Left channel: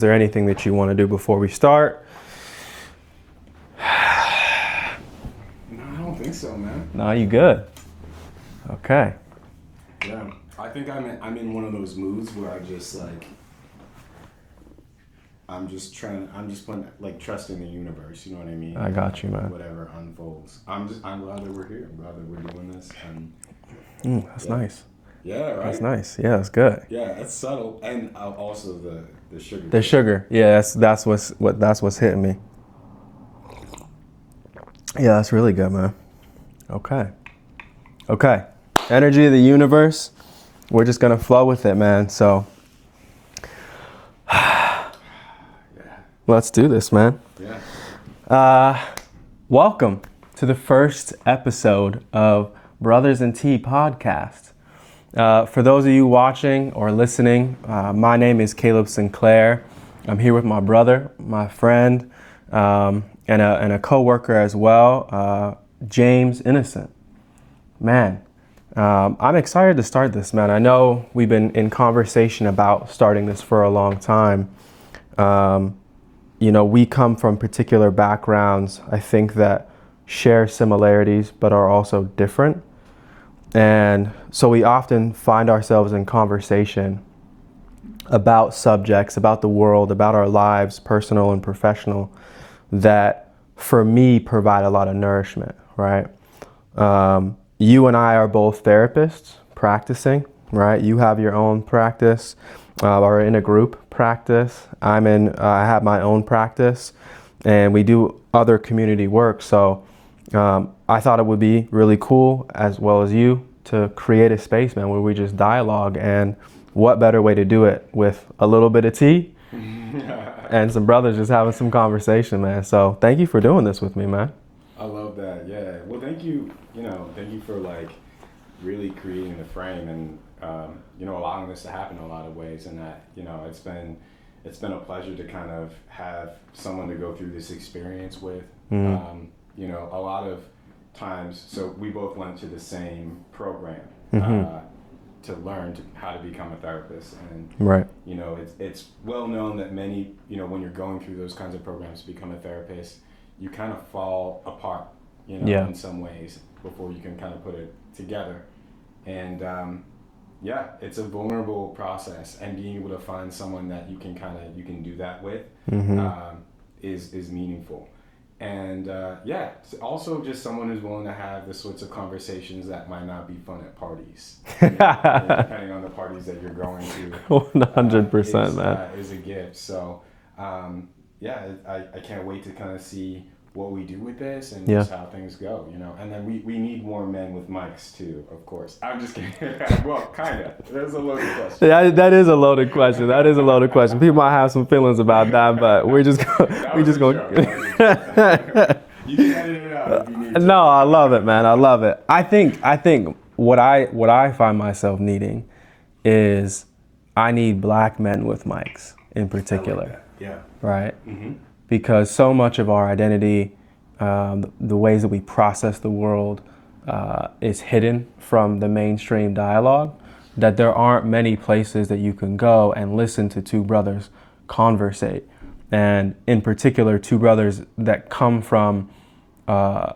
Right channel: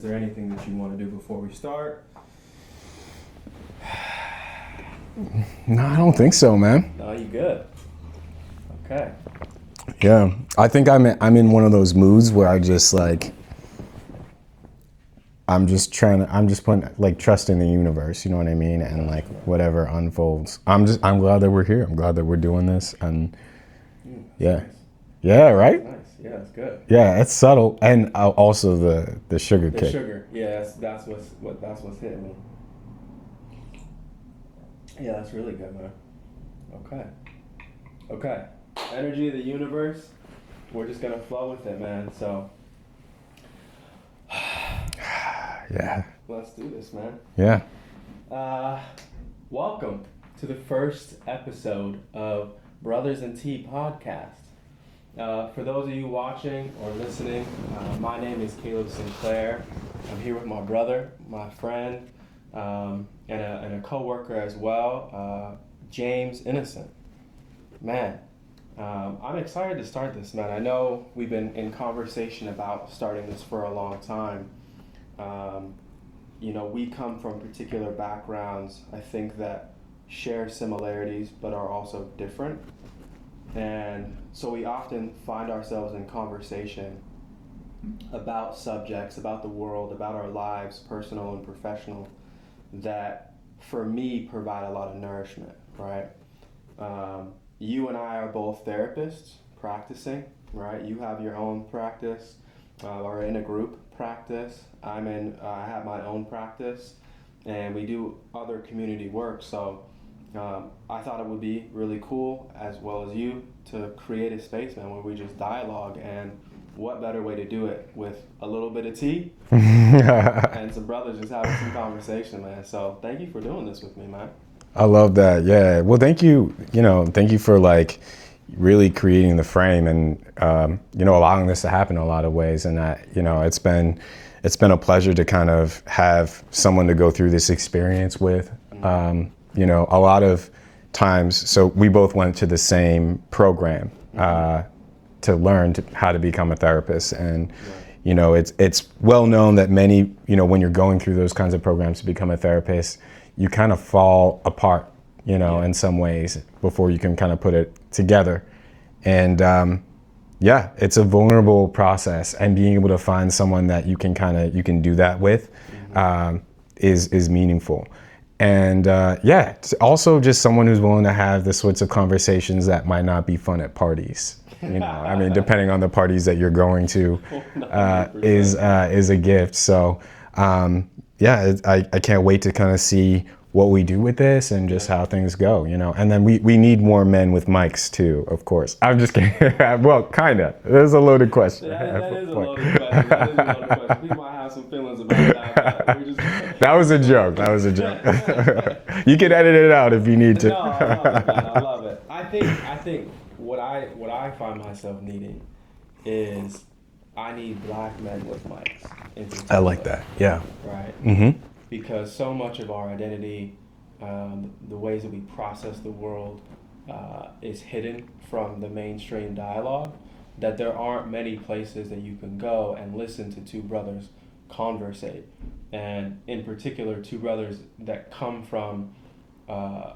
there anything that you want to do before we start? No, I don't think so, man. No, you good? Okay. Yeah, I think I'm in one of those moods where I just like, I'm just putting like trust in the universe. You know what I mean? I and got like you, man. whatever unfolds. I'm glad that we're here. I'm glad that we're doing this. And That's yeah. nice. Yeah, right. That's nice. Yeah, that's good. Yeah, it's subtle, and also the sugar. The kick. sugar. Yeah, that's what's hitting me. Yeah, that's really good, man. Okay. Energy of the universe. We're just gonna flow with it, man. So Yeah. let's do this, man. Yeah. Welcome to the first episode of Brothers and Tea podcast. For those of you watching or listening, my name is Kaleb Sinclair. I'm here with my brother, my friend, and a co-worker as well, James Innocent. Man, I'm excited to start this, man. I know we've been in conversation about starting this for a long time. We come from particular backgrounds, I think, that share similarities but are also different. And so we often find ourselves in conversation about subjects, about the world, about our lives, personal and professional, that for me provide a lot of nourishment, right? You and I are both therapists practicing, right? You have your own practice, or in a group practice. I have my own practice, and we do other community work. So I thought it would be really cool, as well as you, to create a space, man, where we just dialogue. And what better way to do it with a little bit of tea and some brothers just having some conversation, man. So thank you for doing this with me, man. I love that. Yeah. Well, thank you. Thank you for like really creating the frame and allowing this to happen in a lot of ways. And that it's been a pleasure to kind of have someone to go through this experience with. A lot of times. So we both went to the same program to learn how to become a therapist. And Right. It's well known that many when you're going through those kinds of programs to become a therapist, you kind of fall apart, in some ways before you can kind of put it together. And it's a vulnerable process, and being able to find someone that you can do that with is meaningful. And also just someone who's willing to have the sorts of conversations that might not be fun at parties. Depending on the parties that you're going to, 100%, is a gift. So I can't wait to kind of see what we do with this and just how things go, And then we need more men with mics too, of course. I'm just kidding. Well, kind of. That's a loaded question. Yeah, that is a loaded question. People might have some feelings about that, but we're just going. That was a joke. You can edit it out if you need to. No, I love it, man. I love it. I think what I find myself needing is I need black men with mics in particular. I like that. Yeah. Right? Mm-hmm. Because so much of our identity, the ways that we process the world, is hidden from the mainstream dialogue, that there aren't many places that you can go and listen to two brothers conversate. And in particular, two brothers that come from, a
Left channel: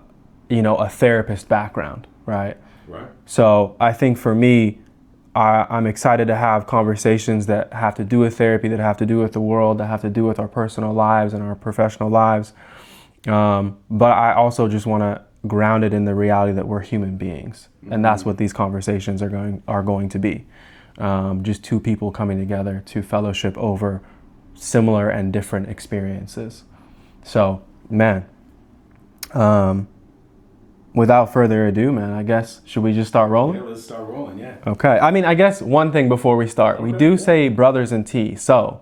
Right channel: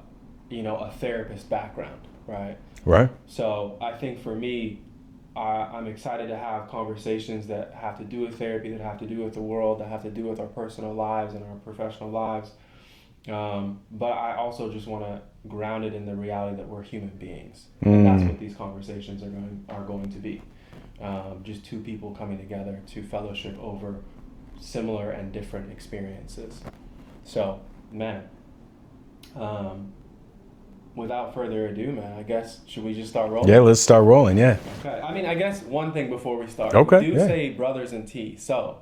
therapist background, right? Right. So I think for me, I'm excited to have conversations that have to do with therapy, that have to do with the world, that have to do with our personal lives and our professional lives. But I also just want to ground it in the reality that we're human beings. And that's what these conversations are going to be. Just two people coming together to fellowship over similar and different experiences. So, man, without further ado, man, I guess, should we just start rolling? Yeah, let's start rolling, yeah. Okay. I guess one thing before we start. Okay, we do say brothers and tea. So,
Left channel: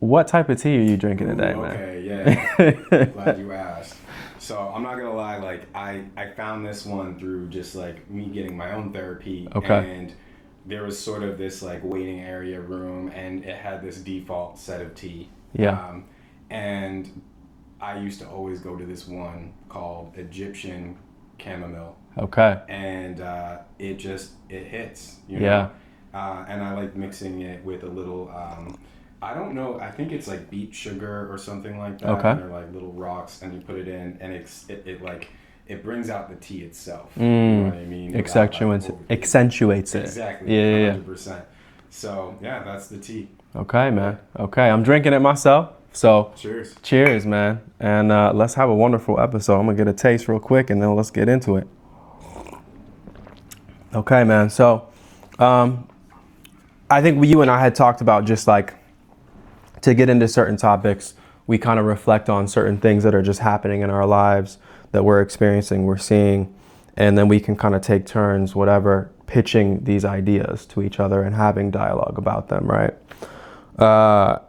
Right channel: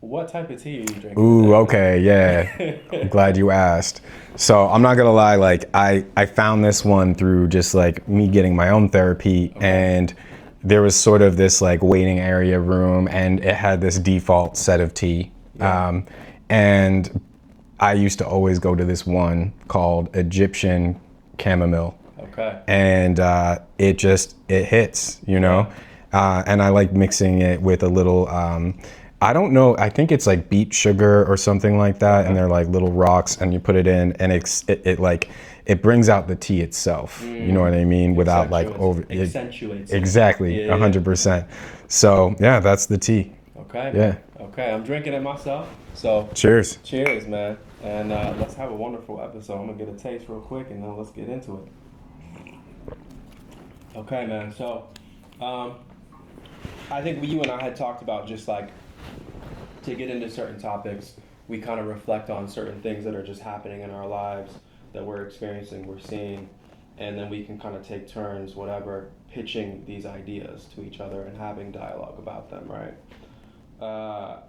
what type of tea are you drinking today? Okay, yeah. I'm glad you asked. So, I'm not going to lie, like, I found this one through just, like, me getting my own therapy. Okay. And there was sort of this, like, waiting area room, and it had this default set of tea. Yeah. And I used to always go to this one called Egyptian chamomile. Okay. And it hits, And I like mixing it with a little I don't know. I think it's like beet sugar or something like that, Okay. and they're like little rocks, and you put it in, and it like it brings out the tea itself. You know what I mean? Without like Accentuates it. Exactly, Yeah, 100%. So yeah, that's the tea. Okay, Yeah. man. Okay, I'm drinking it myself. So Cheers. cheers, man. And let's have a wonderful episode. I'm gonna get a taste real quick, and then let's get into it. Okay, man. So I think you and I had talked about just like to get into certain topics, we kind of reflect on certain things that are just happening in our lives that we're experiencing, we're seeing, and then we can kind of take turns, whatever, pitching these ideas to each other and having dialogue about them, right?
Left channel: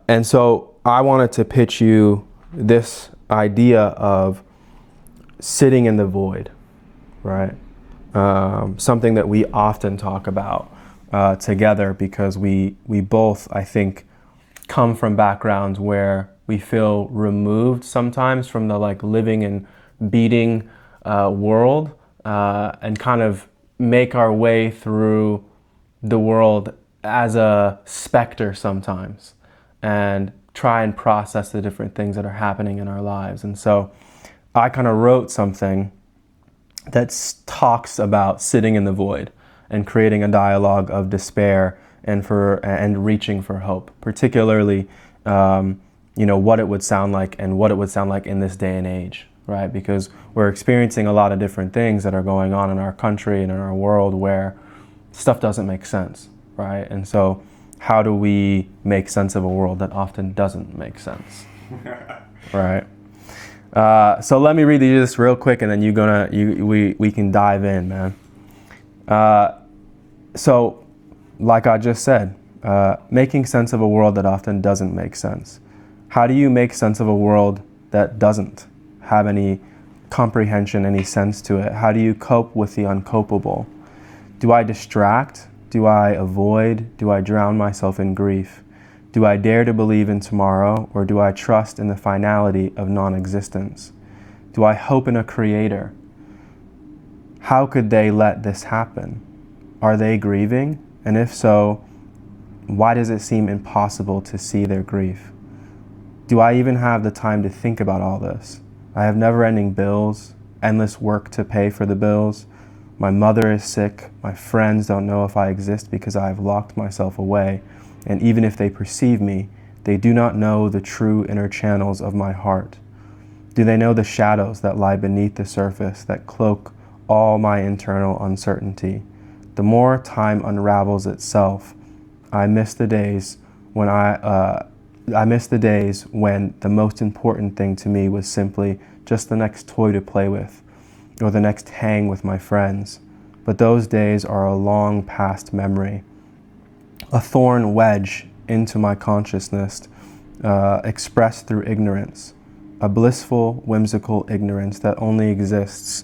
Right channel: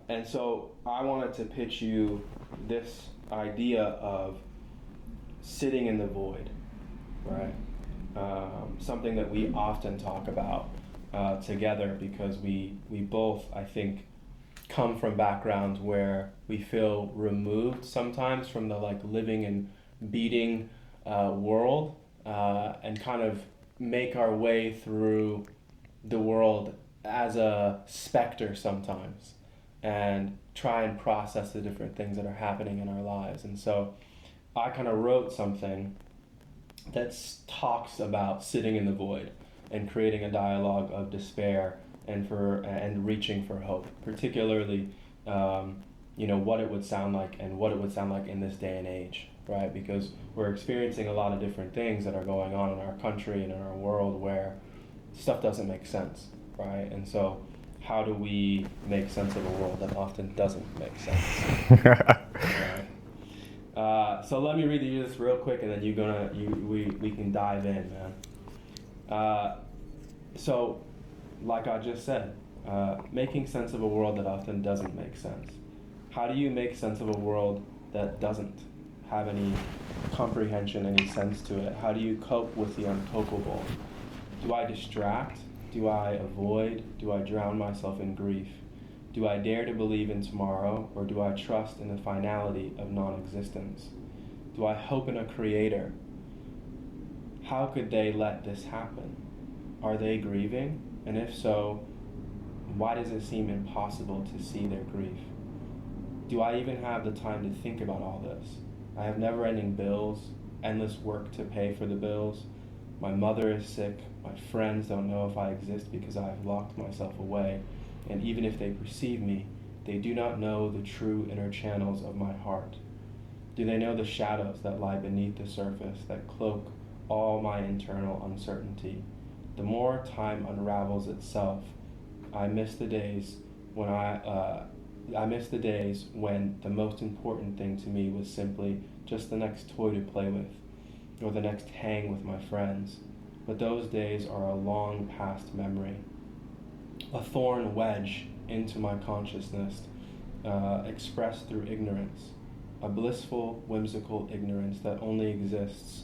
And so I wanted to pitch you this idea of sitting in the void, right? Something that we often talk about together because we both, I think, come from backgrounds where we feel removed sometimes from the like living and beating world and kind of make our way through the world as a specter sometimes and try and process the different things that are happening in our lives. And so I kind of wrote something that talks about sitting in the void and creating a dialogue of despair and reaching for hope, particularly what it would sound like and what it would sound like in this day and age, right? Because we're experiencing a lot of different things that are going on in our country and in our world where stuff doesn't make sense, right? And so how do we make sense of a world that often doesn't make sense, right? So let me read this real quick, and then we can dive in, man. So, like I just said, making sense of a world that often doesn't make sense. How do you make sense of a world that doesn't have any comprehension, any sense to it? How do you cope with the uncopable? Do I distract? Do I avoid? Do I drown myself in grief? Do I dare to believe in tomorrow, or do I trust in the finality of non-existence? Do I hope in a creator? How could they let this happen? Are they grieving? And if so, why does it seem impossible to see their grief? Do I even have the time to think about all this? I have never-ending bills, endless work to pay for the bills. My mother is sick. My friends don't know if I exist because I have locked myself away. And even if they perceive me, they do not know the true inner channels of my heart. Do they know the shadows that lie beneath the surface that cloak all my internal uncertainty? The more time unravels itself, I miss the days when the most important thing to me was simply just the next toy to play with, or the next hang with my friends. But those days are a long past memory. A thorn wedge into my consciousness, expressed through ignorance, a blissful, whimsical ignorance that only exists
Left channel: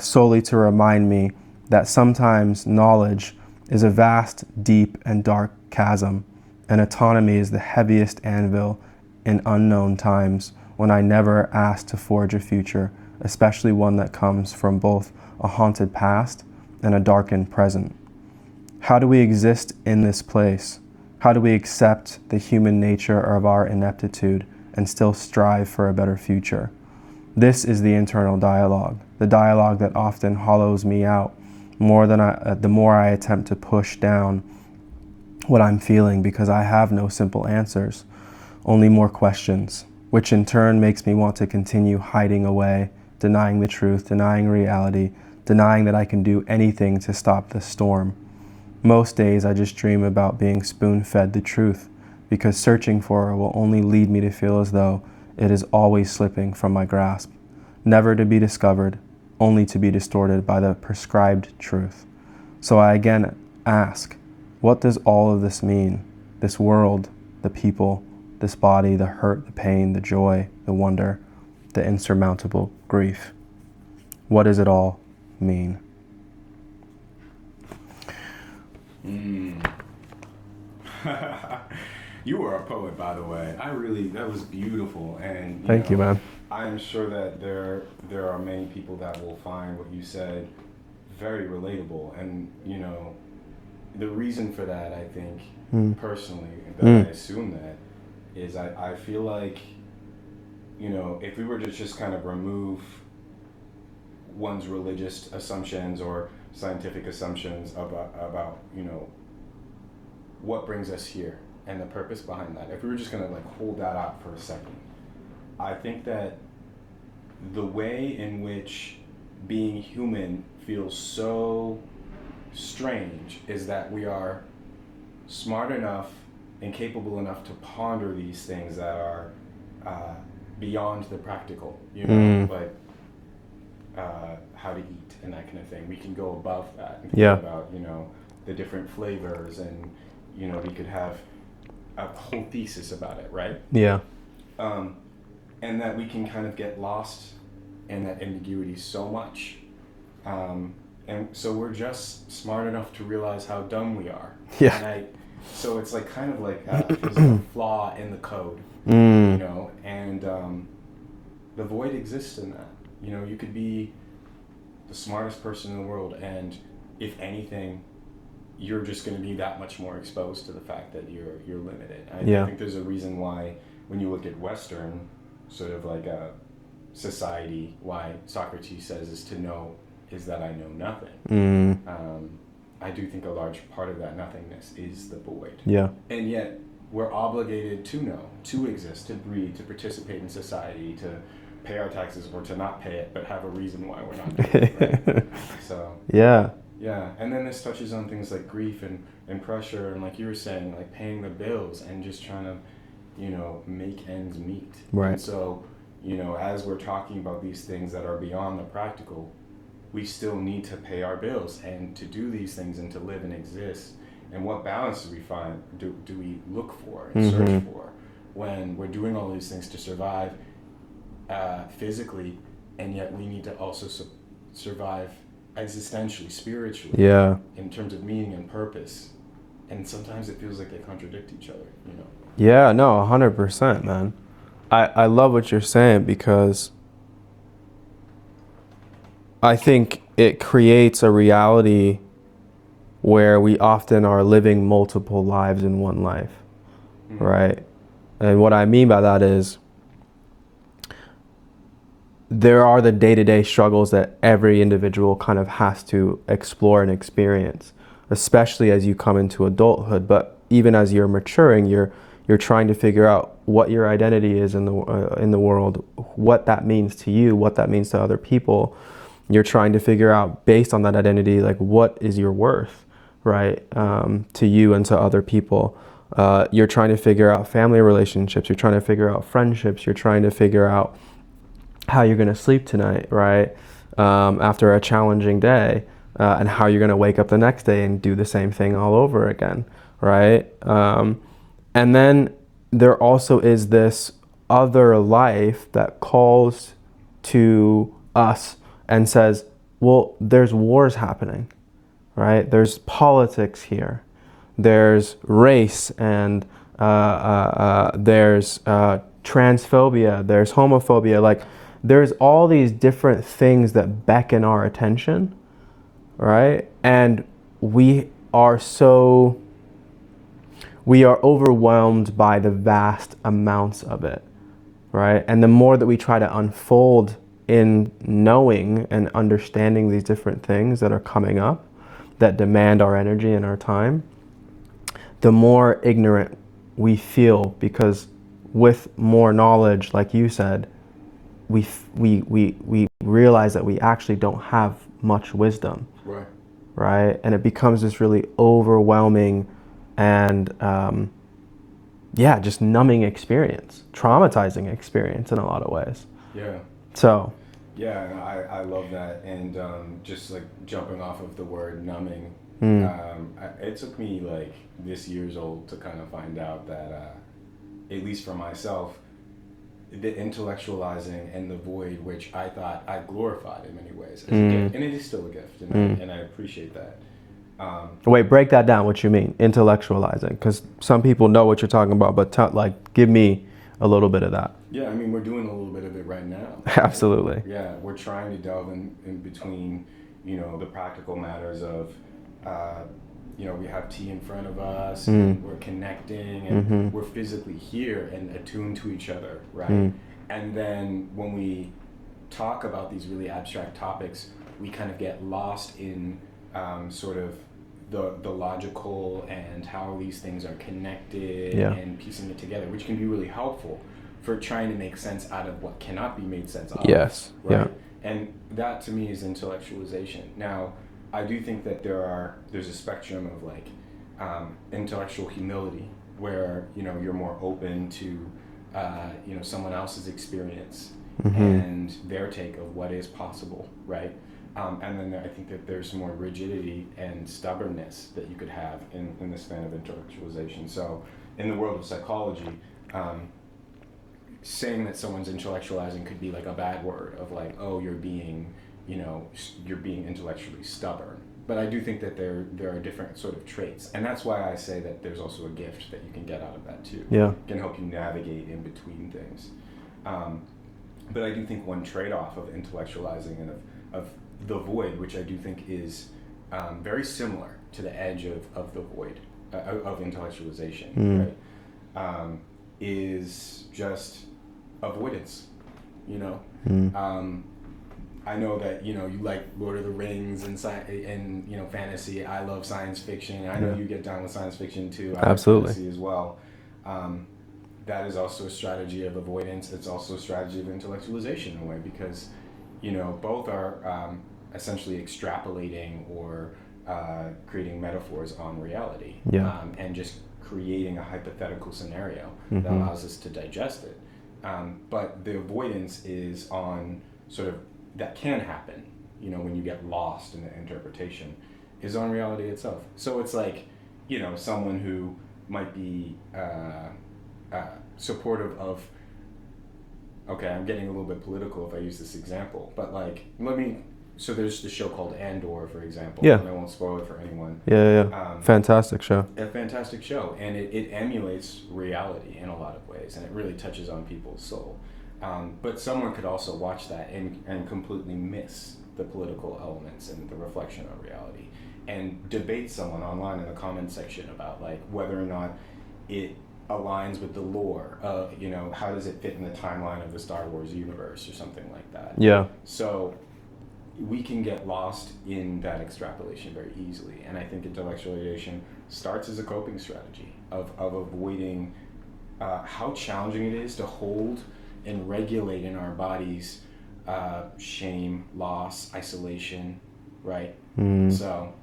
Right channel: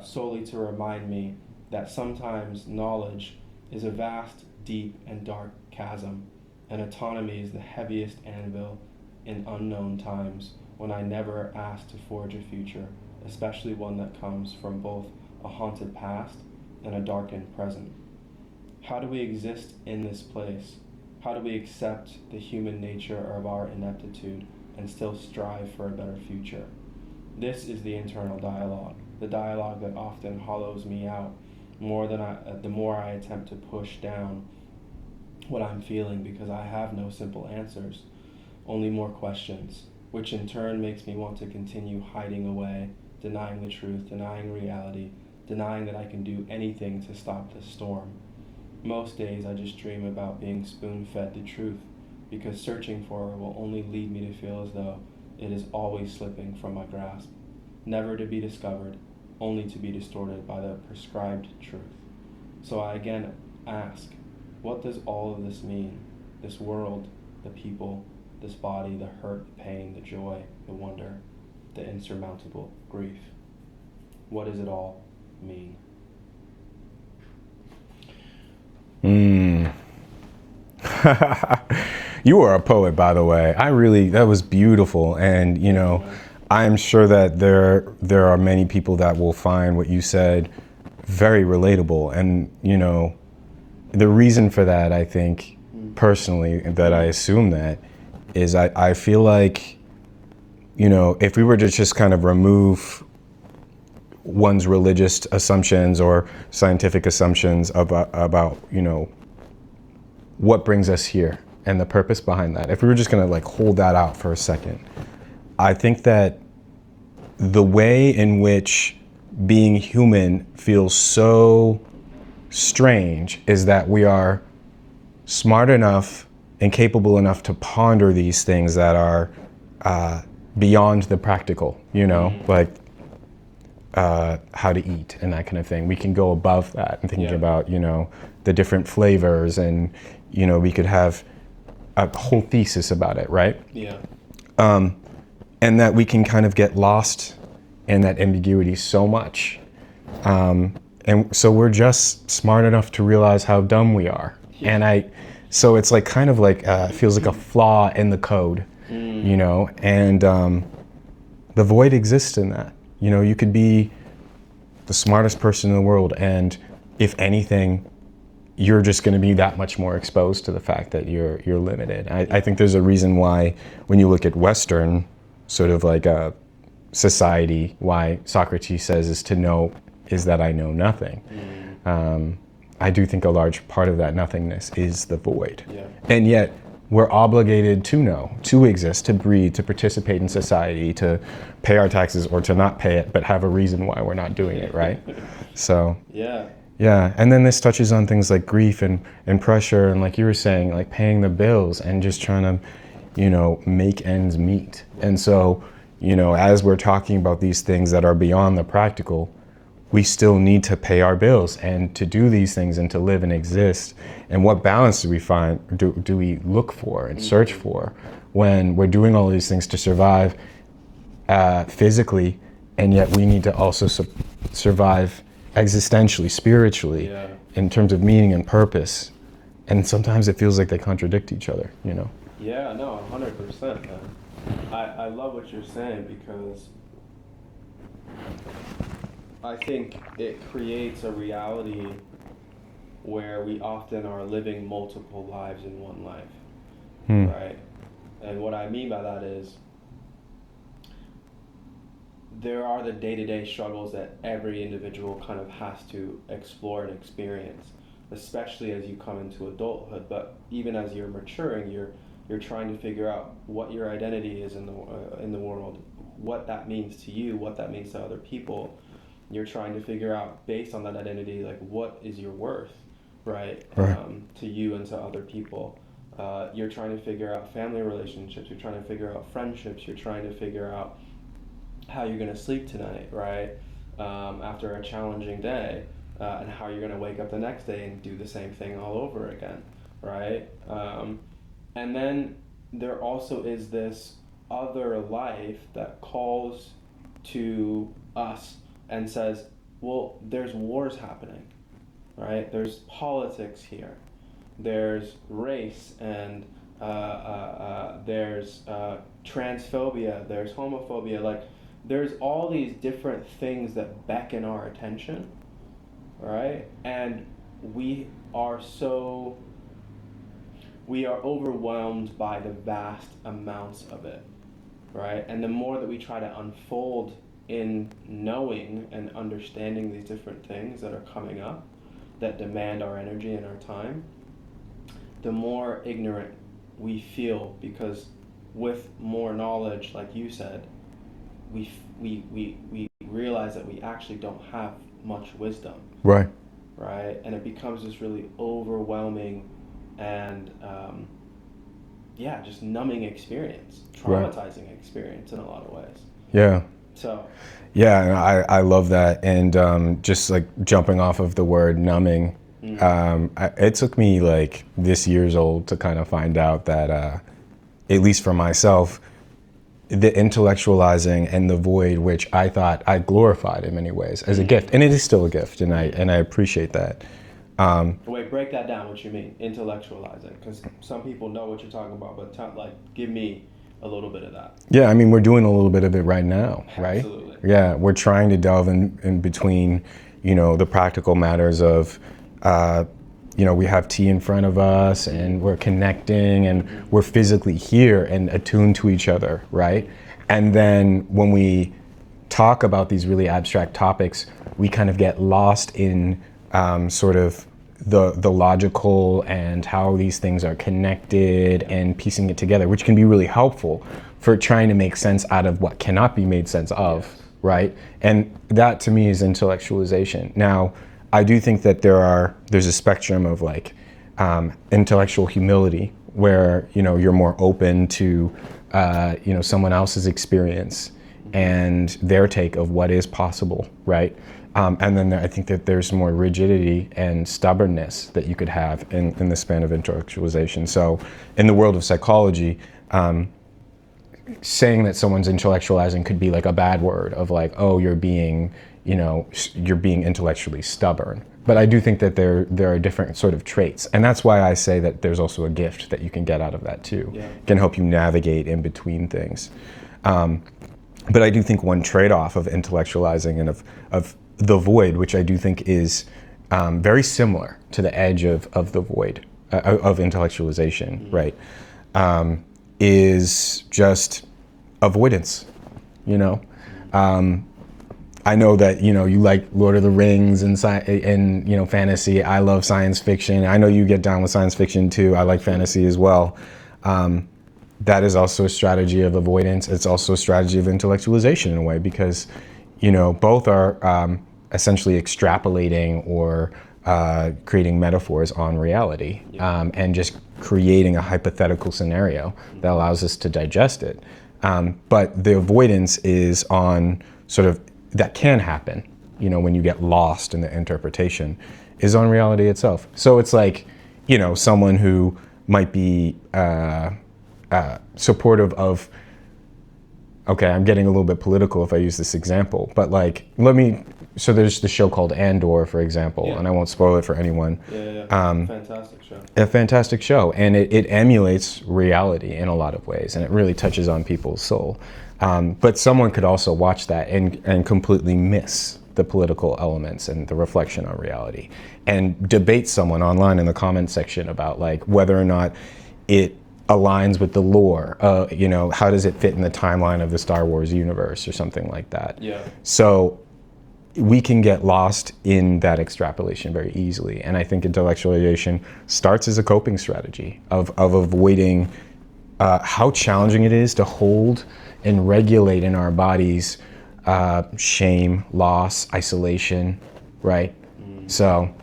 solely to remind me that sometimes knowledge is a vast, deep, and dark chasm, and autonomy is the heaviest anvil in unknown times when I never asked to forge a future, especially one that comes from both a haunted past and a darkened present. How do we exist in this place? How do we accept the human nature of our ineptitude and still strive for a better future? This is the internal dialogue, the dialogue that often hollows me out the more I attempt to push down what I'm feeling, because I have no simple answers, only more questions, which in turn makes me want to continue hiding away, denying the truth, denying reality, denying that I can do anything to stop the storm. Most days I just dream about being spoon-fed the truth, because searching for it will only lead me to feel as though it is always slipping from my grasp, never to be discovered, only to be distorted by the prescribed truth. So I again ask, what does all of this mean? This world, the people, this body, the hurt, the pain, the joy, the wonder, the insurmountable grief. What does it all mean? You are a poet, by the way. That was beautiful. And, Thank you, man. I'm sure that there are many people that will find what you said very relatable. And, the reason for that, I think, personally, that I assume that, is I feel like, you know, if we were to just kind of remove one's religious assumptions or scientific assumptions about, you know, what brings us here and the purpose behind that, if we were just going to like hold that out for a second, I think that the way in which being human feels so strange is that we are smart enough and capable enough to ponder these things that are beyond the practical, you know, like how to eat and that kind of thing. We can go above that and think about, you know, the different flavors, and, you know, we could have a whole thesis about it, right? Yeah. And that we can kind of get lost in that ambiguity so much. And so we're just smart enough to realize how dumb we are. Yeah. And so it's like kind of like, feels like a flaw in the code, you know, and the void exists in that. You know, you could be the smartest person in the world, and if anything, you're just going to be that much more exposed to the fact that you're limited. I think there's a reason why, when you look at Western sort of like a society, why Socrates says is to know is that I know nothing. I do think a large part of that nothingness is the void. Yeah. And yet we're obligated to know, to exist, to breathe, to participate in society, to pay our taxes or to not pay it, but have a reason why we're not doing it, right? So yeah. And then this touches on things like grief and pressure, and like you were saying, like paying the bills and just trying to, you know, make ends meet. Right. And so, you know, as we're talking about these things that are beyond the practical, we still need to pay our bills and to do these things and to live and exist. And what balance do we find, do we look for and search for when we're doing all these things to survive physically, and yet we need to also survive existentially, spiritually, in terms of meaning and purpose. And sometimes it feels like they contradict each other, you know? Yeah, no, 100%, man. I love what you're saying, because I think it creates a reality where we often are living multiple lives in one life, right? And what I mean by that is there are the day-to-day struggles that every individual kind of has to explore and experience, especially as you come into adulthood. But even as you're maturing, you're trying to figure out what your identity is in the world, what that means to you, what that means to other people. You're trying to figure out, based on that identity, like what is your worth, right? To you and to other people. You're trying to figure out family relationships. You're trying to figure out friendships. You're trying to figure out how you're going to sleep tonight, right? After a challenging day, and how you're going to wake up the next day and do the same thing all over again, right? And then there also is this other life that calls to us and says, well, there's wars happening, right? There's politics here. There's race, and there's transphobia, there's homophobia. Like, there's all these different things that beckon our attention, right? And we are overwhelmed by the vast amounts of it, right? And the more that we try to unfold in knowing and understanding these different things that are coming up, that demand our energy and our time, the more ignorant we feel, because with more knowledge, like you said, we realize that we actually don't have much wisdom. Right. And it becomes this really overwhelming and just numbing experience, traumatizing experience in a lot of ways. Yeah. So. Yeah, I love that. And just like jumping off of the word numbing, it took me like this years old to kind of find out that, at least for myself, the intellectualizing and the void, which I thought I glorified in many ways as a gift, and it is still a gift, and I appreciate that. Wait, break that down. What you mean, intellectualizing? Because some people know what you're talking about, but give me a little bit of that. Yeah, I mean, we're doing a little bit of it right now. Right? Absolutely. Yeah, we're trying to delve in between, you know, the practical matters of we have tea in front of us and we're connecting and we're physically here and attuned to each other, right? And then when we talk about these really abstract topics, we kind of get lost in sort of the logical and how these things are connected and piecing it together, which can be really helpful for trying to make sense out of what cannot be made sense of, right? Yeah. And that to me is intellectualization. Now, I do think that there's a spectrum of like intellectual humility where, you're more open to, someone else's experience and their take of what is possible, right? And then I think that there's more rigidity and stubbornness that you could have in the span of intellectualization. So in the world of psychology, saying that someone's intellectualizing could be like a bad word of like, oh, you're being intellectually stubborn. But I do think that there are different sort of traits. And that's why I say that there's also a gift that you can get out of that too. Yeah. It can help you navigate in between things. But I do think one trade-off of intellectualizing and of the void, which I do think is very similar to the edge of the void, of intellectualization, right? Is just avoidance, I know that, you like Lord of the Rings and fantasy. I love science fiction. I know you get down with science fiction too. I like fantasy as well. That is also a strategy of avoidance. It's also a strategy of intellectualization in a way because, both are essentially extrapolating or creating metaphors on reality and just creating a hypothetical scenario that allows us to digest it. But the avoidance is on sort of, that can happen, when you get lost in the interpretation, is on reality itself. So it's like, someone who might be supportive of, okay, I'm getting a little bit political if I use this example, but like, so there's the show called Andor, for example, and I won't spoil it for anyone. Fantastic show. A fantastic show, and it emulates reality in a lot of ways, and it really touches on people's soul. But someone could also watch that and completely miss the political elements and the reflection on reality, and debate someone online in the comment section about like whether or not it aligns with the lore. How does it fit in the timeline of the Star Wars universe or something like that? Yeah. So we can get lost in that extrapolation very easily. And I think intellectualization starts as a coping strategy of avoiding how challenging it is to hold and regulate in our bodies shame, loss, isolation, right? So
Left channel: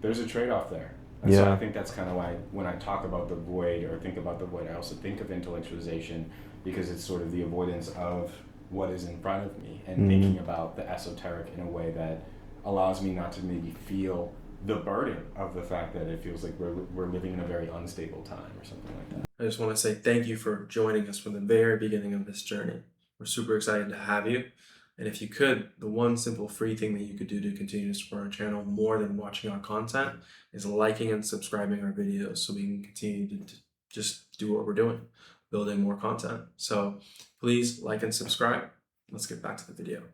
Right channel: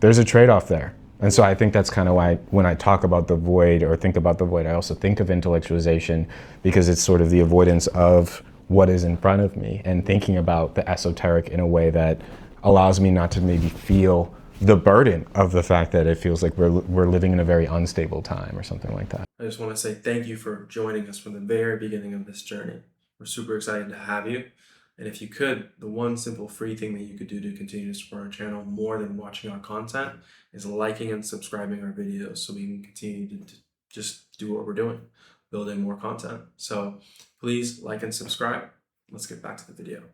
there's a trade-off there. And so I think that's kind of why when I talk about the void or think about the void, I also think of intellectualization, because it's sort of the avoidance of what is in front of me and thinking about the esoteric in a way that allows me not to maybe feel the burden of the fact that it feels like we're living in a very unstable time or something like that. I just want to say thank you for joining us from the very beginning of this journey. We're super excited to have you. And if you could, the one simple free thing that you could do to continue to support our channel more than watching our content is liking and subscribing our videos so we can continue to just do what we're doing, building more content. So please like and subscribe. Let's get back to the video.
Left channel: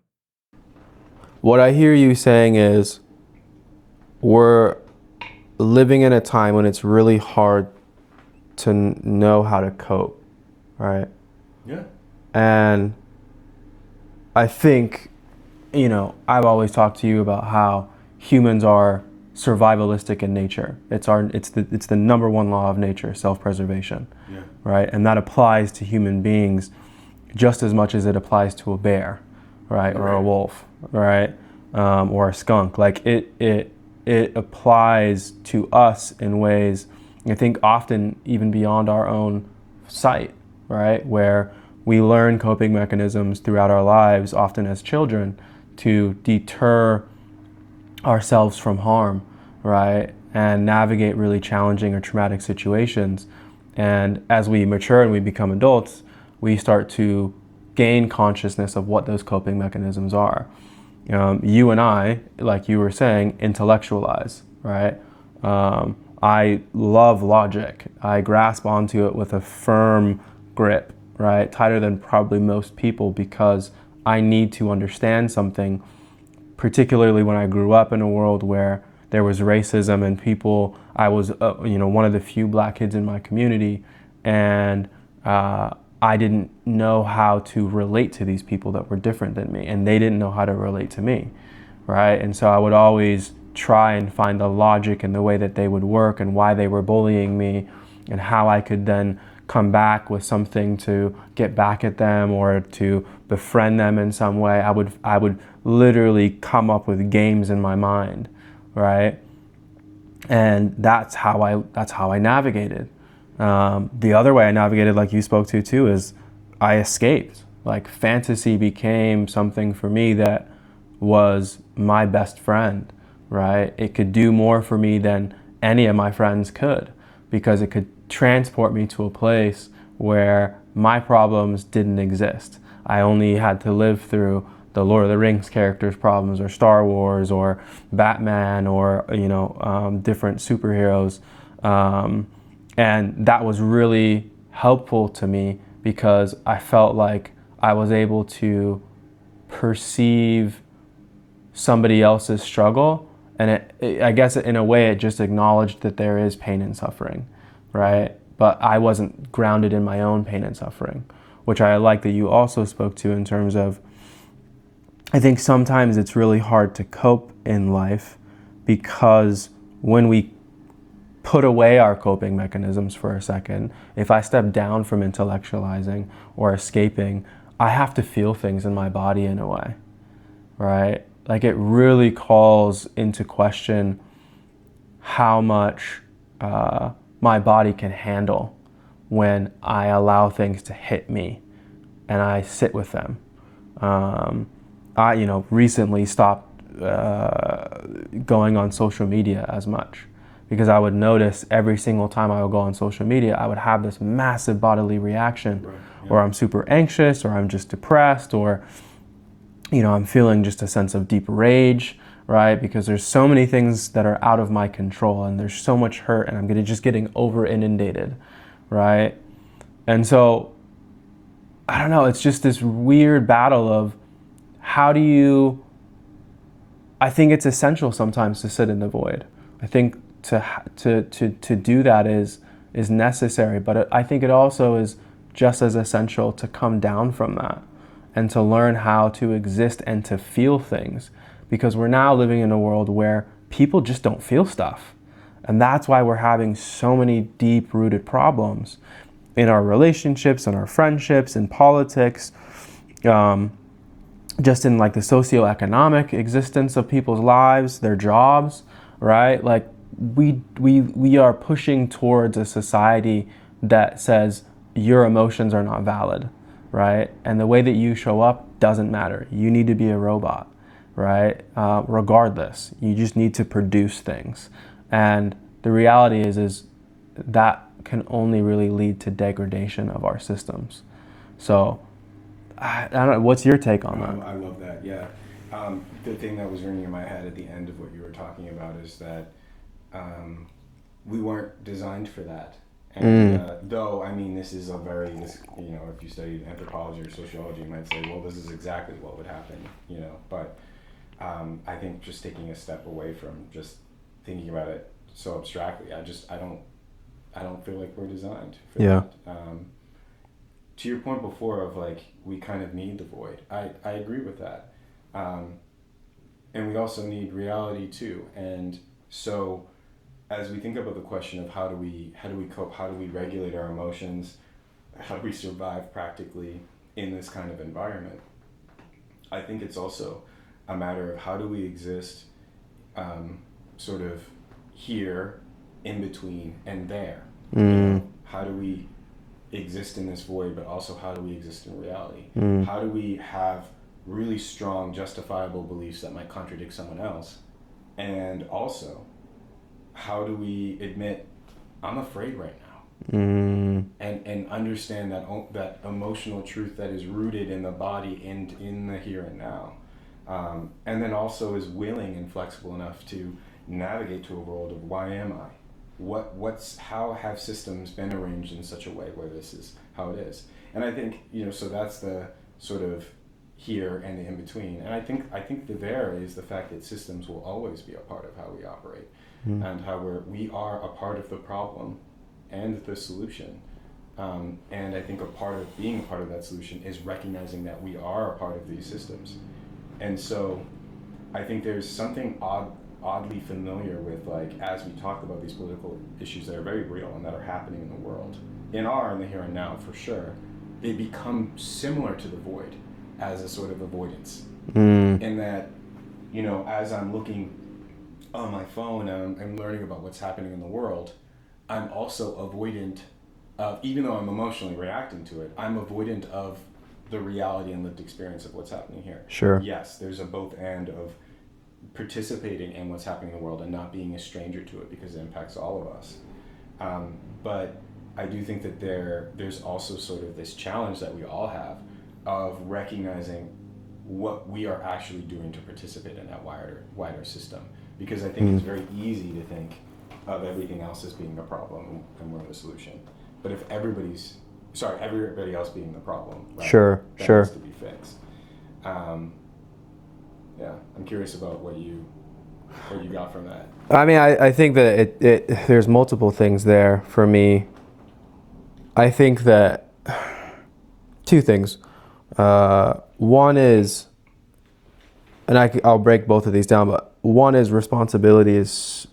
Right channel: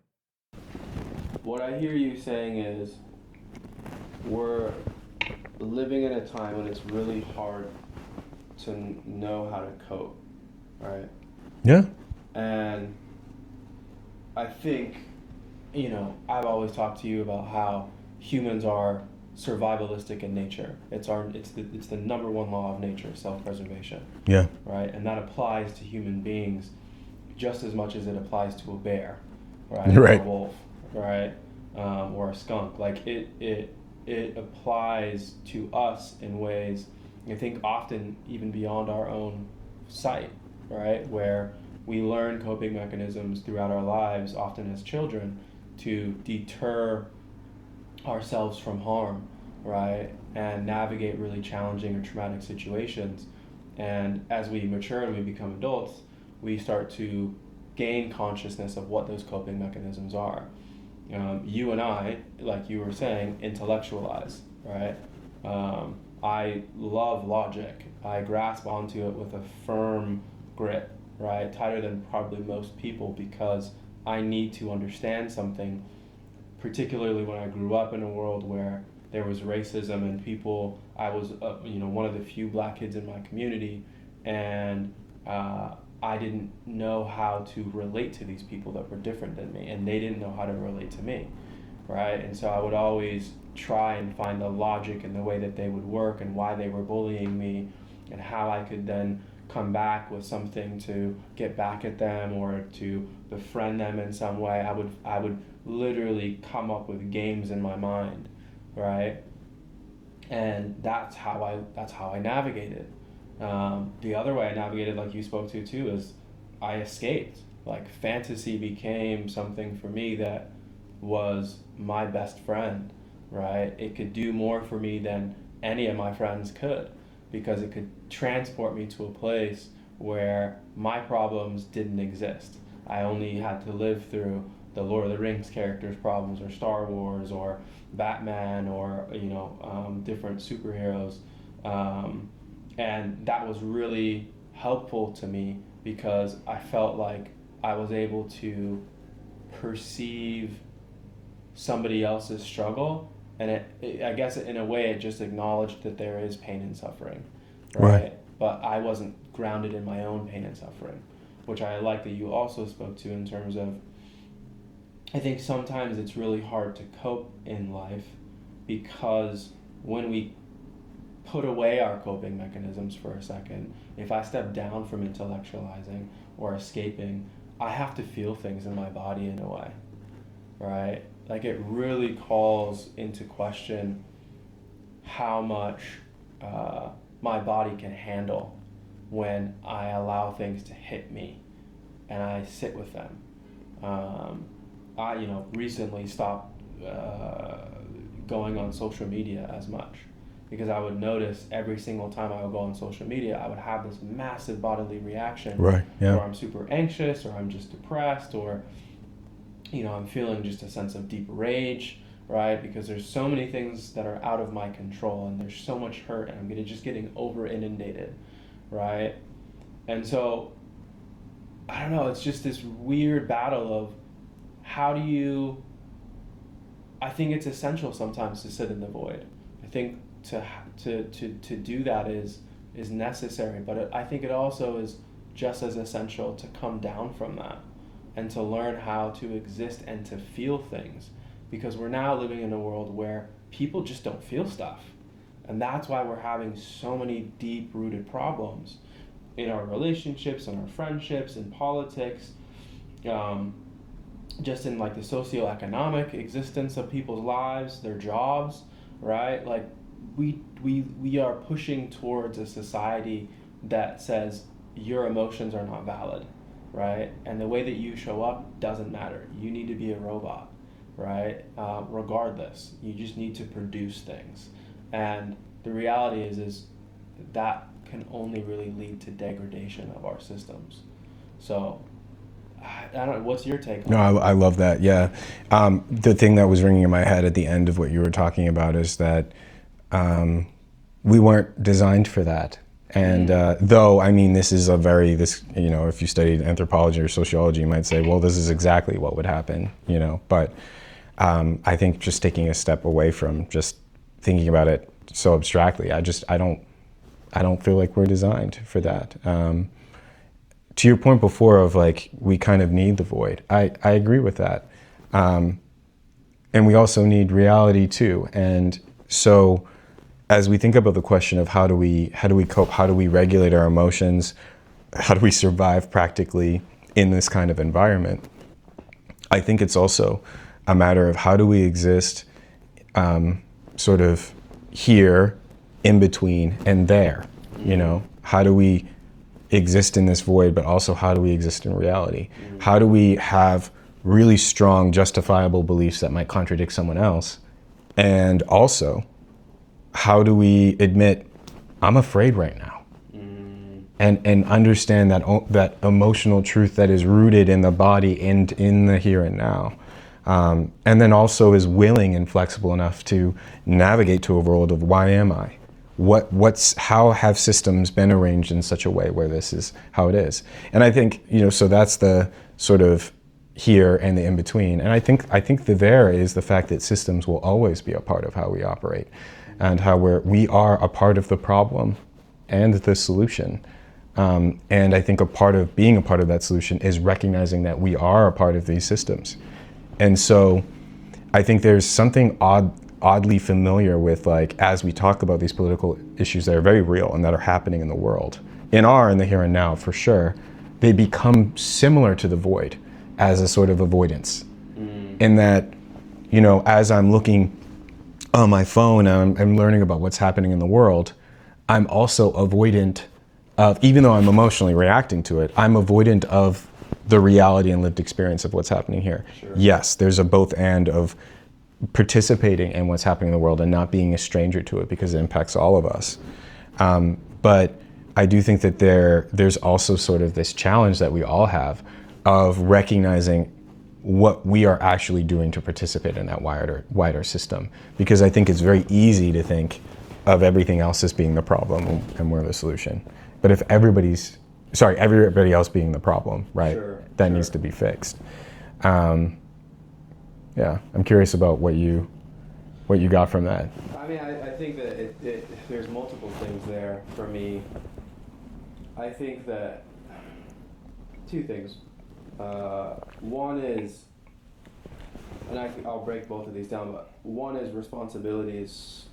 What I hear you saying is we're living in a time when it's really hard to know how to cope, right? Yeah. And I think, I've always talked to you about how humans are survivalistic in nature. It's the number one law of nature, self-preservation. Yeah. Right? And that applies to human beings just as much as it applies to a bear, right? Or a wolf, right? Or a skunk. Like it applies to us in ways, I think, often even beyond our own sight, right? Where we learn coping mechanisms throughout our lives, often as children, to deter ourselves from harm, right? And navigate really challenging or traumatic situations. And as we mature and we become adults, we start to gain consciousness of what those coping mechanisms are. You and I, like you were saying, intellectualize, right? I love logic. I grasp onto it with a firm grip, right? Tighter than probably most people, because I need to understand something, particularly when I grew up in a world where there was racism and people, I was, one of the few black kids in my community, and I didn't know how to relate to these people that were different than me, and they didn't know how to relate to me, right? And so I would always try and find the logic in the way that they would work and why they were bullying me, and how I could then come back with something to get back at them or to befriend them in some way. I would literally come up with games in my mind, right? And that's how I navigated. The other way I navigated, like you spoke to too, is I escaped. Like fantasy became something for me that was my best friend, right? It could do more for me than any of my friends could, because it could transport me to a place where my problems didn't exist. I only had to live through the Lord of the Rings characters' problems, or Star Wars, or Batman, or different superheroes, and that was really helpful to me because I felt like I was able to perceive somebody else's struggle, and I guess in a way it just acknowledged that there is pain and suffering, right? But I wasn't grounded in my own pain and suffering, which I like that you also spoke to in terms of, I think sometimes it's really hard to cope in life because when we put away our coping mechanisms for a second, if I step down from intellectualizing or escaping, I have to feel things in my body in a way, right? Like it really calls into question how much my body can handle when I allow things to hit me and I sit with them. I recently stopped going on social media as much, because I would notice every single time I would go on social media, I would have this massive bodily reaction, or I'm super anxious, or I'm just depressed, or I'm feeling just a sense of deep rage, right? Because there's so many things that are out of my control, and there's so much hurt, and I'm just getting over inundated, right? And so, I don't know, it's just this weird battle of I think it's essential sometimes to sit in the void. I think to do that is necessary, but I think it also is just as essential to come down from that and to learn how to exist and to feel things, because we're now living in a world where people just don't feel stuff. And that's why we're having so many deep-rooted problems in our relationships, in our friendships, in politics, just in like the socioeconomic existence of people's lives, their jobs, right? Like we are pushing towards a society that says your emotions are not valid, right? And the way that you show up doesn't matter. You need to be a robot, right? Regardless, you just need to produce things. And the reality is that can only really lead to degradation of our systems. So I don't know, what's your take on that? No, I love that, yeah. The thing that was ringing in my head at the end of what you were talking about is that we weren't designed for that. And though, I mean, this is if you studied anthropology or sociology, you might say, well, this is exactly what would happen, But I think just taking a step away from just thinking about it so abstractly, I don't feel like we're designed for that. To your point before of like, we kind of need the void. I agree with that. And we also need reality too. And so as we think about the question of how do we cope, how do we regulate our emotions, how do we survive practically in this kind of environment, I think it's also a matter of how do we exist sort of here, in between, and there. How do we exist in this void, but also how do we exist in reality? How do we have really strong, justifiable beliefs that might contradict someone else? And also, how do we admit, I'm afraid right now? And understand that emotional truth that is rooted in the body and in the here and now. And then also is willing and flexible enough to navigate to a world of why am I? How have systems been arranged in such a way where this is how it is? And I think, so that's the sort of here and the in-between. And I think the there is the fact that systems will always be a part of how we operate, and how we are a part of the problem and the solution. And I think a part of being a part of that solution is recognizing that we are a part of these systems. And so I think there's something oddly familiar with, like, as we talk about these political issues that are very real and that are happening in the world, in the here and now for sure, they become similar to the void as a sort of avoidance. In that, as I'm looking on my phone, I'm learning about what's happening in the world, I'm also avoidant of, even though I'm emotionally reacting to it, I'm avoidant of the reality and lived experience of what's happening here. Sure. Yes, there's a both and of participating in what's happening in the world and not being a stranger to it because it impacts all of us. But I do think that there's also sort of this challenge that we all have of recognizing what we are actually doing to participate in that wider system. Because I think it's very easy to think of everything else as being the problem and we're the solution. But if everybody else being the problem, right? Sure. That needs to be fixed. I'm curious about what you got from that. I mean, I think that there's multiple things there for me. I think that two things. One is, and I'll break both of these down, but one is responsibility is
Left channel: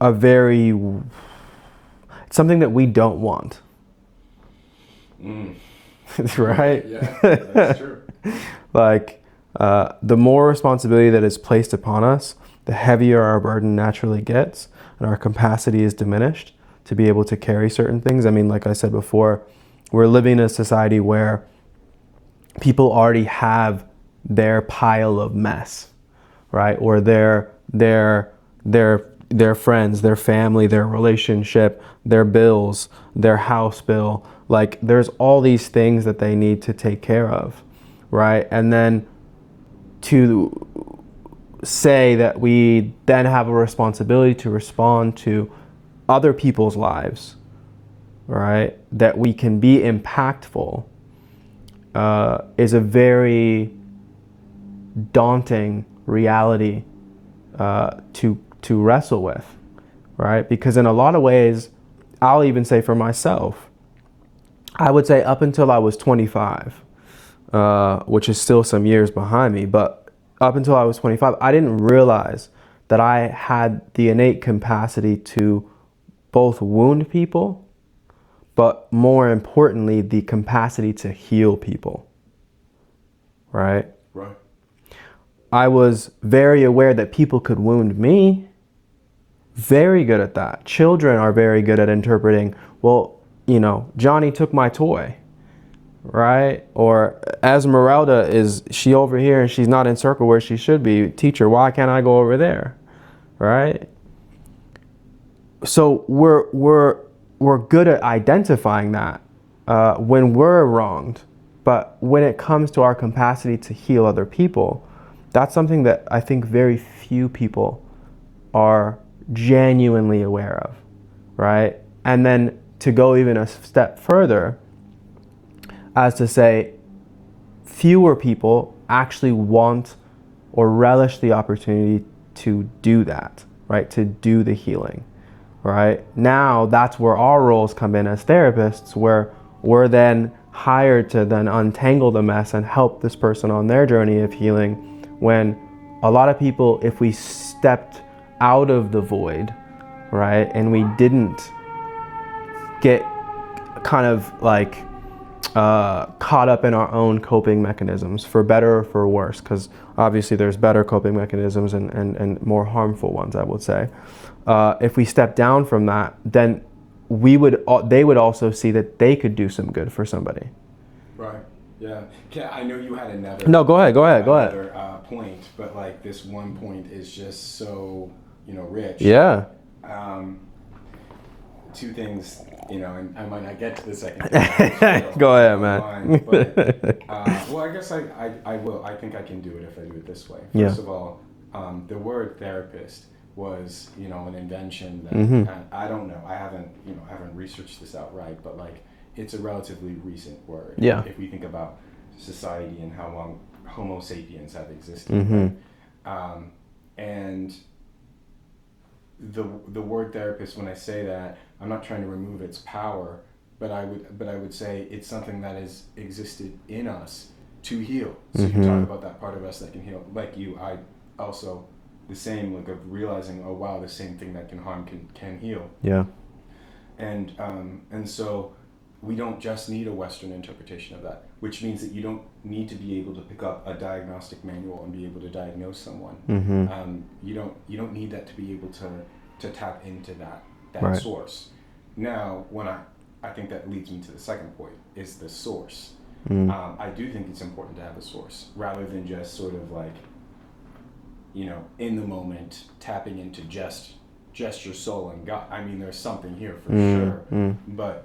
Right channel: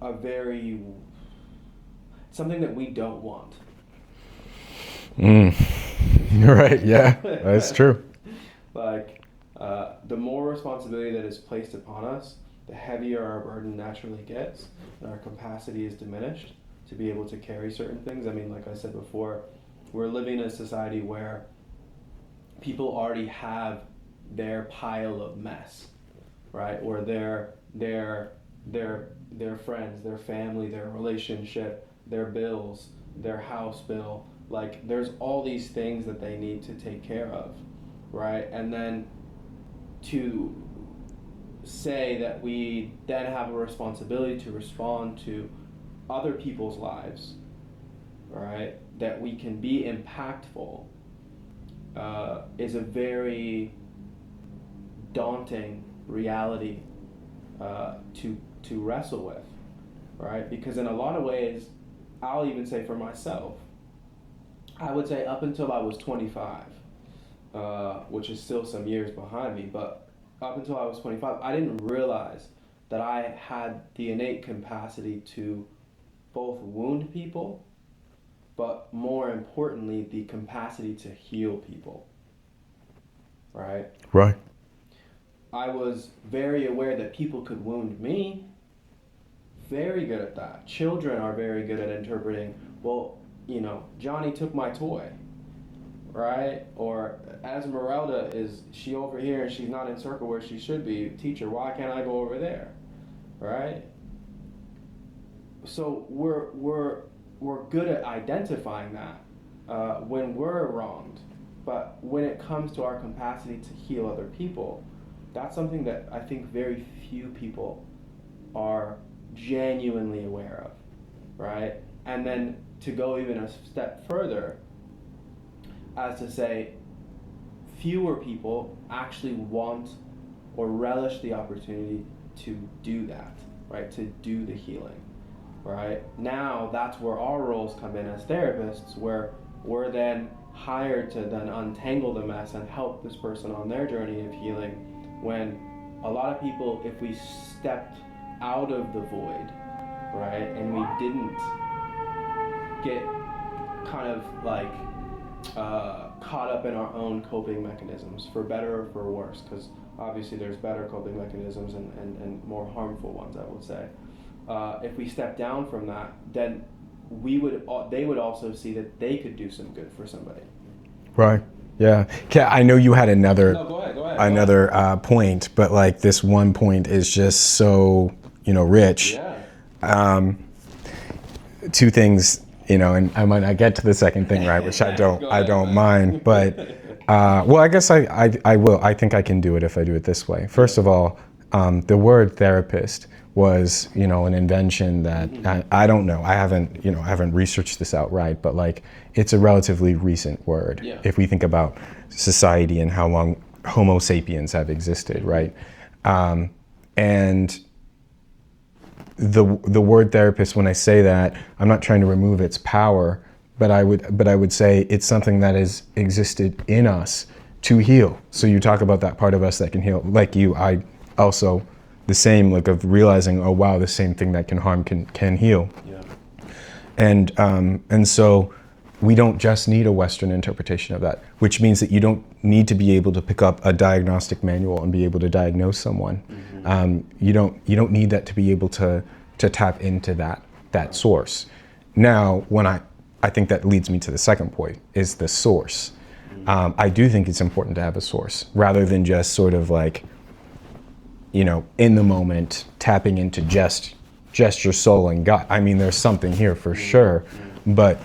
a very, something that we don't want. Right, yeah, that's true. Like, the more responsibility that is placed upon us, the heavier our burden naturally gets, and our capacity is diminished to be able to carry certain things. I mean, like I said before, we're living in a society where people already have their pile of mess, right? Or their friends, their family, their relationship, their bills, their house bill. Like, there's all these things that they need to take care of, right? And then to say that we then have a responsibility to respond to other people's lives, right? That we can be impactful is a very daunting reality to wrestle with, right? Because in a lot of ways, I'll even say for myself, I would say up until I was 25, which is still some years behind me, but up until I was 25, I didn't realize that I had the innate capacity to both wound people, but more importantly, the capacity to heal people, right? Right. I was very aware that people could wound me. Very good at that. Children are very good at interpreting, well, Johnny took my toy, right? Or Esmeralda, is she over here and she's not in circle where she should be? Teacher, why can't I go over there, right? So we're good at identifying that when we're wronged. But when it comes to our capacity to heal other people, that's something that I think very few people are genuinely aware of, right? And then to go even a step further, as to say, fewer people actually want or relish the opportunity to do that, right? To do the healing, right? Now that's where our roles come in as therapists, where we're then hired to then untangle the mess and help this person on their journey of healing, when a lot of people, if we stepped out of the void, right, and we didn't get kind of like caught up in our own coping mechanisms, for better or for worse, because obviously there's better coping mechanisms and more harmful ones, I would say. If we step down from that, then they would also see that they could do some good for somebody. Right. Yeah. I know you had another. No, go ahead. Another point, but like this one point is just so rich. Yeah. Two things, and I might not get to the second thing, right? Which I don't. Go ahead, I don't mind. But well, I guess I will. I think I can do it if I do it this way. First of all, the word therapist was an invention that I don't know. I haven't researched this outright, but like it's a relatively recent word. Yeah. If we think about society and how long Homo sapiens have existed, right? And the word therapist, when I say that, I'm not trying to remove its power, but I would say it's something that has existed in us to heal. So you talk about that part of us that can heal. Like you, I also the same, like of realizing, oh wow, the same thing that can harm can heal. Yeah. And so we don't just need a Western interpretation of that, which means that you don't need to be able to pick up a diagnostic manual and be able to diagnose someone. You don't need that to be able to tap into that Right. source. Now, when I think that leads me to the second point, is the source. I do think it's important to have a source rather than just sort of like, in the moment tapping into just your soul and gut. I mean, there's something here for sure, but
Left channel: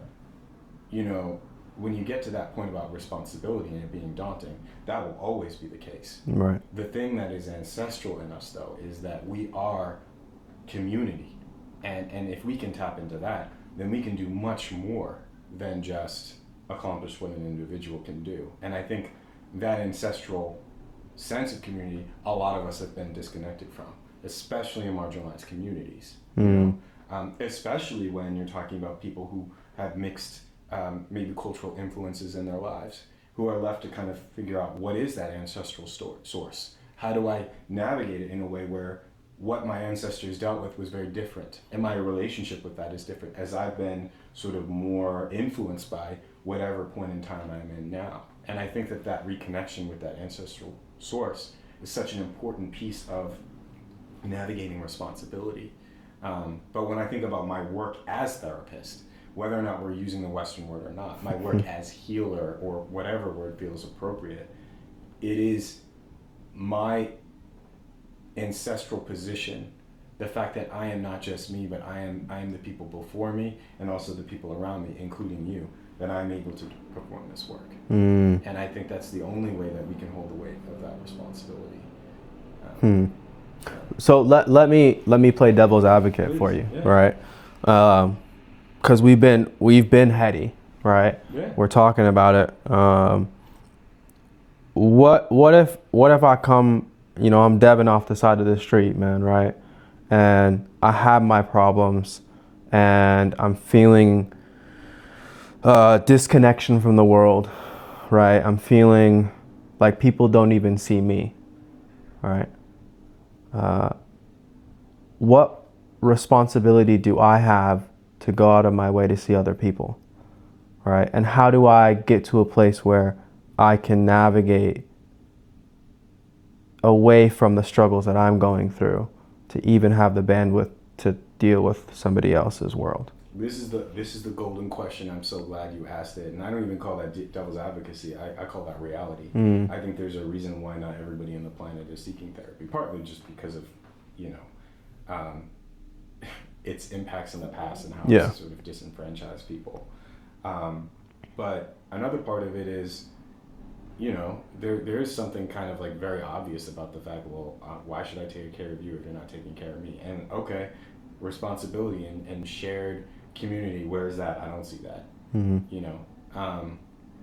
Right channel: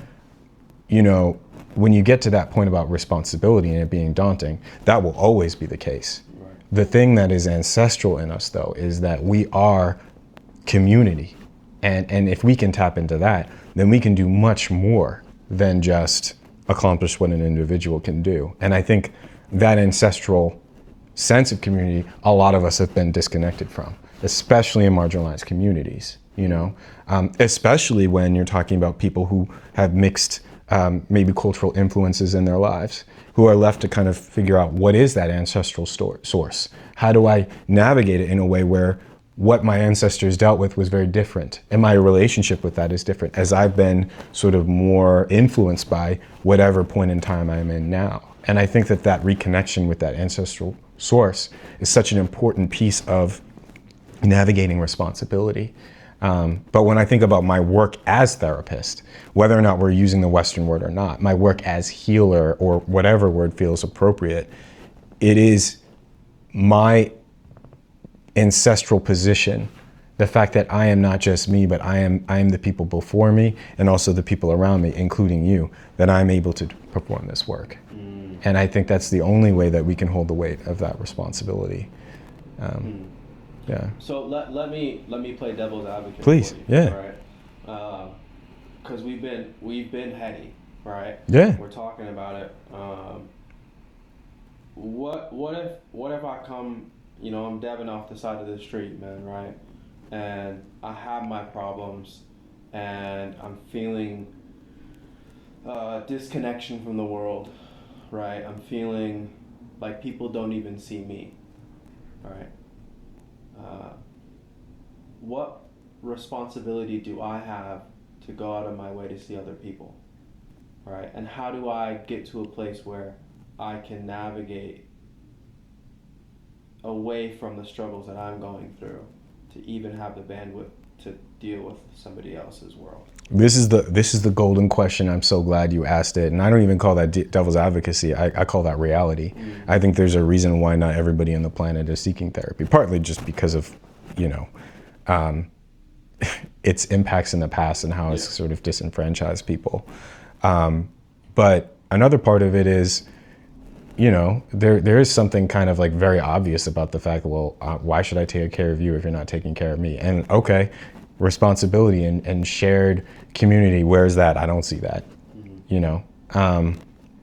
when you get to that point about responsibility and it being daunting, that will always be the case. Right. The thing that is ancestral in us, though, is that we are community, and if we can tap into that, then we can do much more than just accomplish what an individual can do. And I think that ancestral sense of community, a lot of us have been disconnected from, especially in marginalized communities, especially when you're talking about people who have mixed maybe cultural influences in their lives, who are left to kind of figure out what is that ancestral source? How do I navigate it in a way where what my ancestors dealt with was very different, and my relationship with that is different as I've been sort of more influenced by whatever point in time I'm in now. And I think that reconnection with that ancestral source is such an important piece of navigating responsibility. But when I think about my work as therapist, whether or not we're using the Western word or not, my work as healer or whatever word feels appropriate, it is my ancestral position, the fact that I am not just me, but I am the people before me and also the people around me, including you, that I'm able to perform this work. And I think that's the only way that we can hold the weight of that responsibility. Yeah. So let me play devil's advocate Please. for you, Yeah. right? Because we've been heady, right? Yeah. We're talking about it. What if I come, I'm Devin off the side of the street, man, right? And I have my problems, and I'm feeling disconnection from the world, right? I'm feeling like people don't even see me, right? What responsibility do I have to go out of my way to see other people, right? And how do I get to a place where I can navigate away from the struggles that I'm going through to even have the bandwidth to deal with somebody else's world? This is the golden question. I'm so glad you asked it. And I don't even call that devil's advocacy. I call that reality. I think there's a reason why not everybody on the planet is seeking therapy, partly just because of, its impacts in the past and how it's sort of disenfranchised people. But another part of it is, there is something kind of like very obvious about the fact, well, why should I take care of you if you're not taking care of me? And okay, responsibility and shared community, where's that? I don't see that,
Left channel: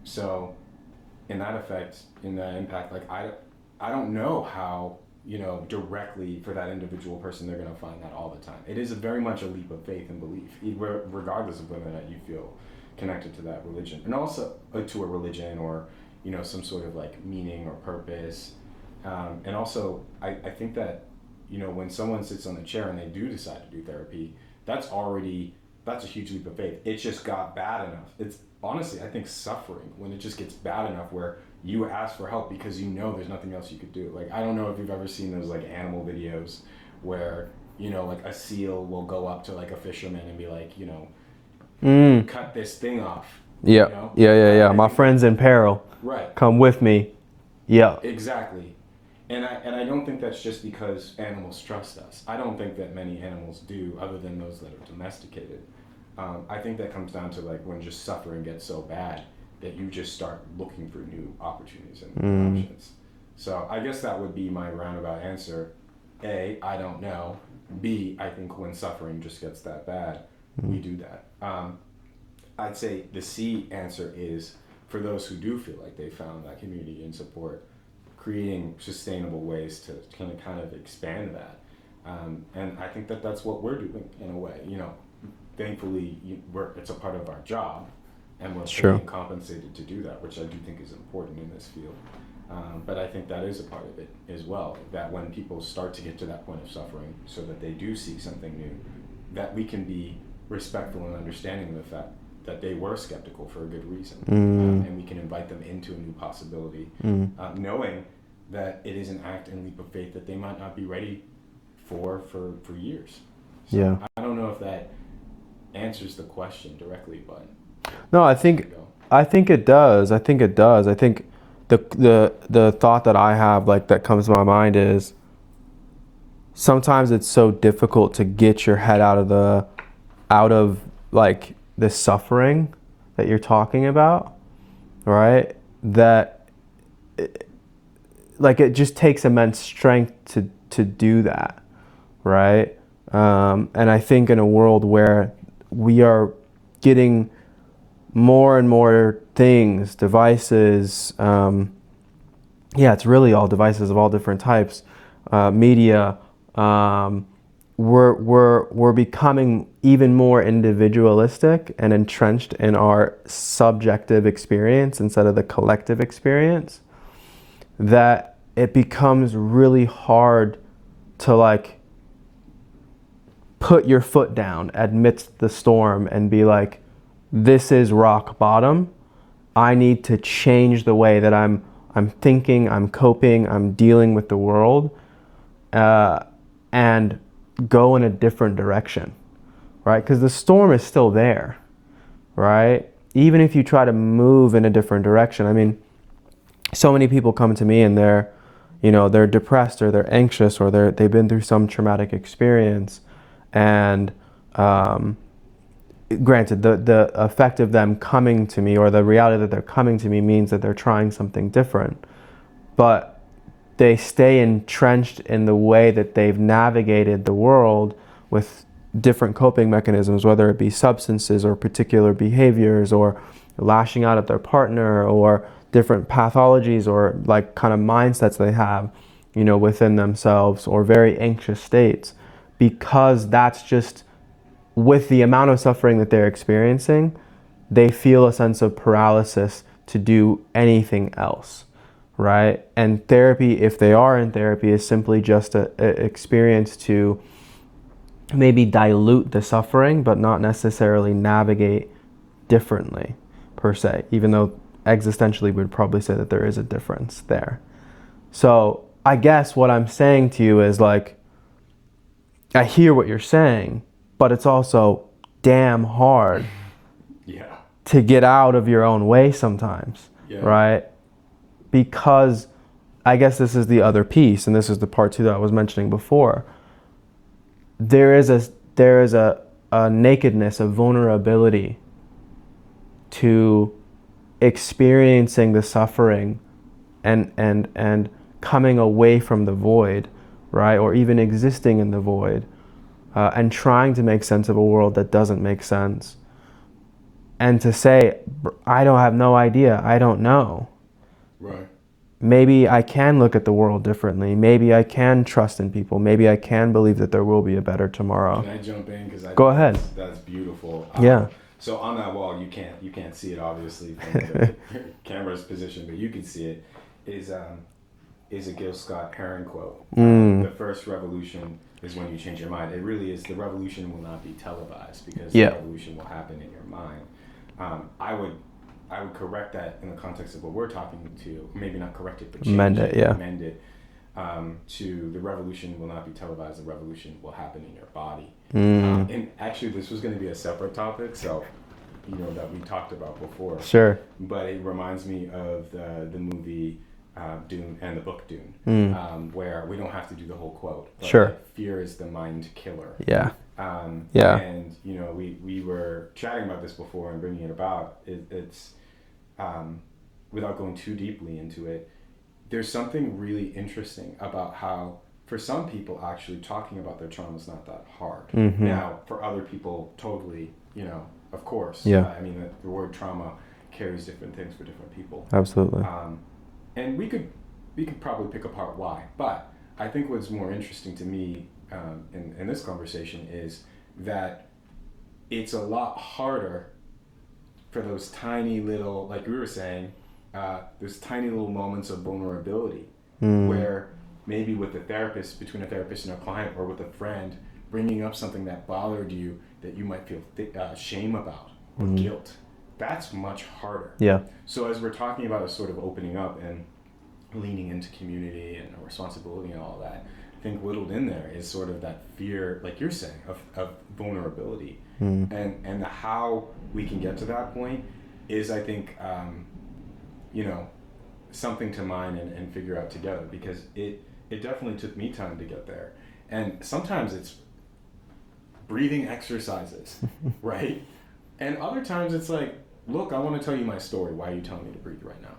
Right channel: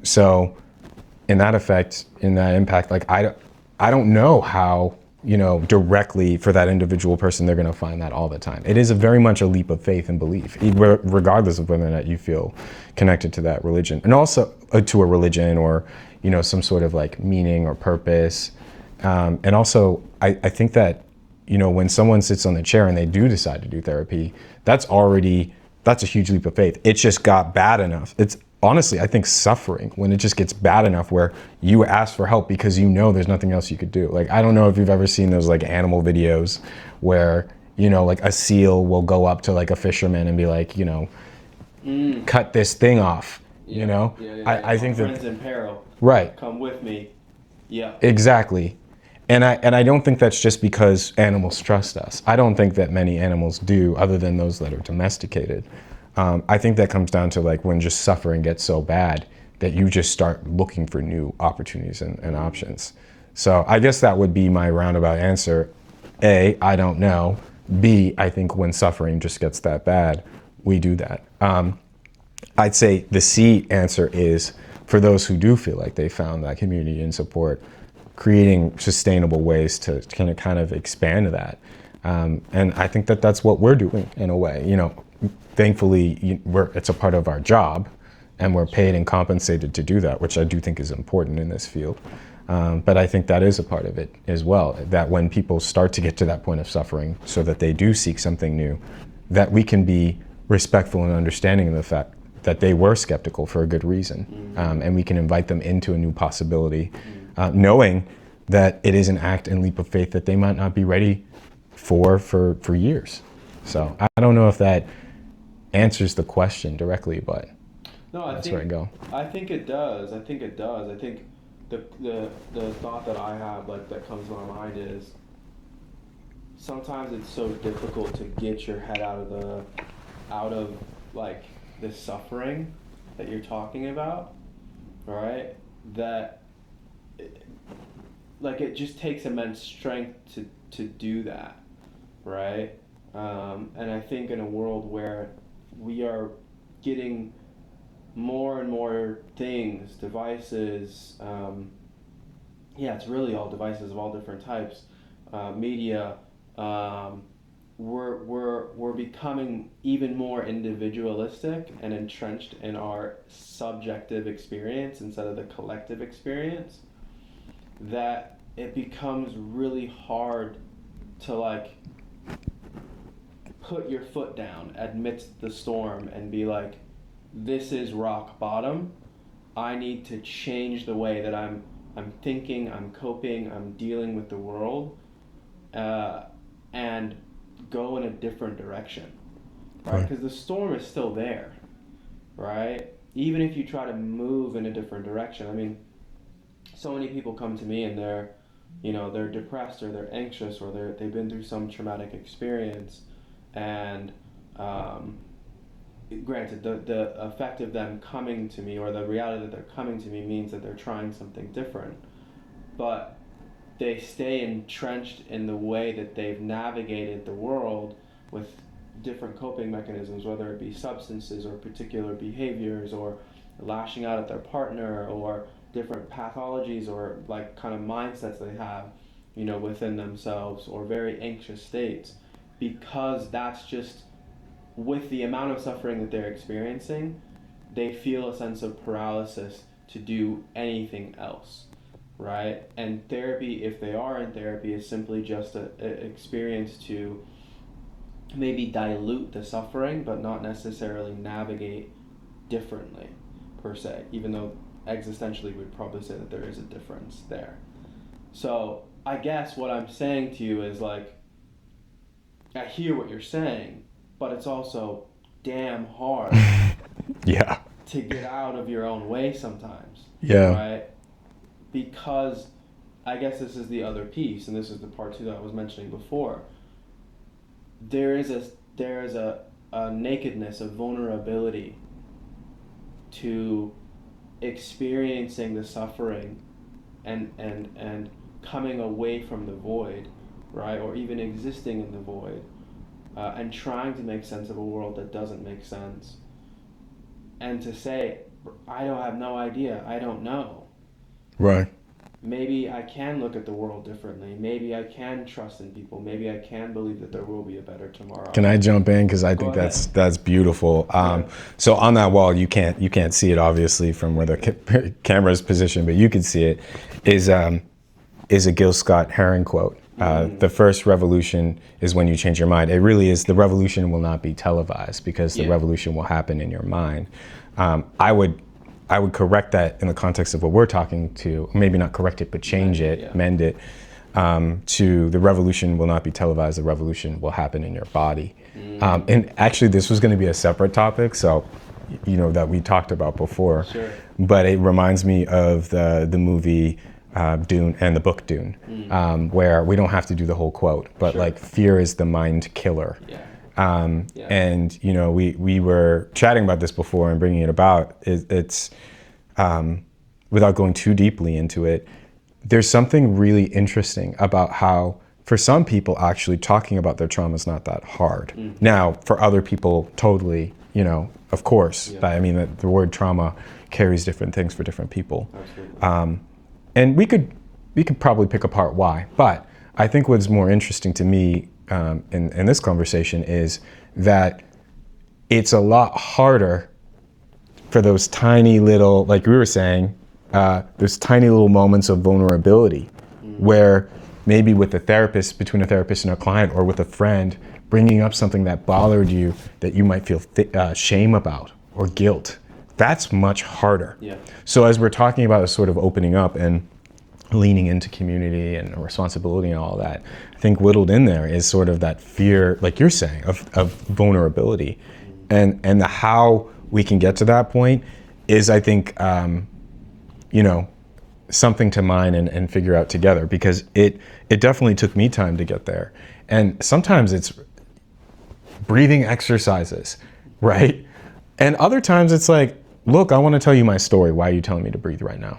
So in that effect, in that impact, like I don't know how, directly for that individual person, they're going to find that all the time. It is very much a leap of faith and belief, regardless of whether or not you feel connected to that religion, and also to a religion or, some sort of like meaning or purpose. And also, I think that, when someone sits on the chair and they do decide to do therapy, that's a huge leap of faith. It just got bad enough. It's honestly, I think, suffering when it just gets bad enough where you ask for help because there's nothing else you could do. Like, I don't know if you've ever seen those like animal videos where, like a seal will go up to like a fisherman and be like, cut this thing off. Yeah. I My think friend's in peril. Right. Come with me. Yeah. Exactly. And I don't think that's just because animals trust us. I don't think that many animals do, other than those that are domesticated. I think that comes down to like when just suffering gets so bad that you just start looking for new opportunities and options. So I guess that would be my roundabout answer. A, I don't know. B, I think when suffering just gets that bad, we do that. I'd say the C answer is, for those who do feel like they found that community and support, creating sustainable ways to kind of expand that. And I think that that's what we're doing in a way. Thankfully, it's a part of our job, and we're paid and compensated to do that, which I do think is important in this field. But I think that is a part of it as well, that when people start to get to that point of suffering so that they do seek something new, that we can be respectful and understanding of the fact that they were skeptical for a good reason. And we can invite them into a new possibility, knowing that it is an act and leap of faith that they might not be ready for years. So I don't know if that answers the question directly, but no, I think it does. I think the thought that I have, like, that comes to my mind is, sometimes it's so difficult to get your head out of like the suffering that you're talking about, right? That it just takes immense strength to do that, right? And I think in a world where we are getting more and more things, devices, it's really all devices of all different types, media, we're becoming even more individualistic and entrenched in our subjective experience instead of the collective experience, that it becomes really hard to, like, put your foot down amidst the storm and be like, this is rock bottom. I need to change the way that I'm thinking, I'm coping, I'm dealing with the world, and go in a different direction, right? Because the storm is still there, right? Even if you try to move in a different direction. I mean, so many people come to me and they're depressed, or they're anxious, or they've been through some traumatic experience, and granted, the effect of them coming to me, or the reality that they're coming to me, means that they're trying something different, but they stay entrenched in the way that they've navigated the world with different coping mechanisms, whether it be substances or particular behaviors, or lashing out at their partner, or different pathologies, or like kind of mindsets they have, within themselves, or very anxious states, because that's just, with the amount of suffering that they're experiencing, they feel a sense of paralysis to do anything else. Right? And therapy, if they are in therapy, is simply just an experience to maybe dilute the suffering, but not necessarily navigate differently, per se, even though existentially we'd probably say that there is a difference there. So I guess what I'm saying to you is, like, I hear what you're saying, but it's also damn hard to get out of your own way sometimes, right? Because I guess this is the other piece, and this is the part too that I was mentioning before. There is a nakedness, a vulnerability to experiencing the suffering and coming away from the void, right? Or even existing in the void, and trying to make sense of a world that doesn't make sense. And to say, I have no idea, I don't know. Right. Maybe I can look at the world differently. Maybe I can trust in people. Maybe I can believe that there will be a better tomorrow. Can I jump in? Because I think that's beautiful. So on that wall, you can't see it obviously from where the camera's positioned, but you can see it. Is a Gil Scott Heron quote. The first revolution is when you change your mind. It really is. The revolution will not be televised, because the revolution will happen in your mind. I would correct that in the context of what we're talking to, maybe not correct it, but mend it, to the revolution will not be televised, the revolution will happen in your body. And actually this was going to be a separate topic, so, that we talked about before. Sure. But it reminds me of the movie Dune and the book Dune, where we don't have to do the whole quote, but like, fear is the mind killer. And we were chatting about this before and bringing it about. It's without going too deeply into it, there's something really interesting about how, for some people, actually talking about their trauma is not that hard. Now, for other people, totally, of course. Yeah. I mean, the word trauma carries different things for different people. Absolutely. And we could probably pick apart why, but I think what's more interesting to me in this conversation is that it's a lot harder for those tiny little, like we were saying, those tiny little moments of vulnerability where maybe with a therapist, between a therapist and a client, or with a friend, bringing up something that bothered you that you might feel shame about or guilt. That's much harder. Yeah. So as we're talking about sort of opening up and leaning into community and responsibility and all that, I think whittled in there is sort of that fear, like you're saying, of vulnerability. And the how we can get to that point is, I think, something to mine and figure out together, because it definitely took me time to get there. And sometimes it's breathing exercises, right? And other times it's like, look, I want to tell you my story. Why are you telling me to breathe right now?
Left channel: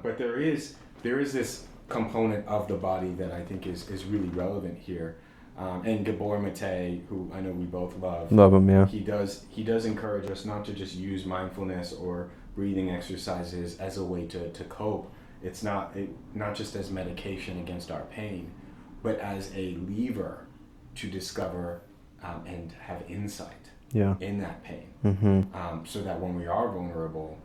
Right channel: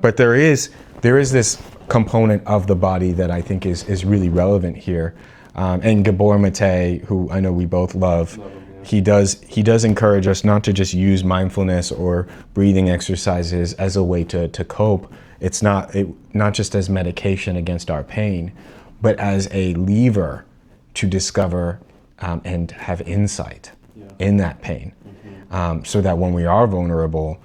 But there is this component of the body that I think is really relevant here. And Gabor Mate, who I know we both love him, yeah. He does encourage us not to just use mindfulness or breathing exercises as a way to cope. It's not just as medication against our pain, but as a lever to discover and have insight in that pain. So that when we are vulnerable,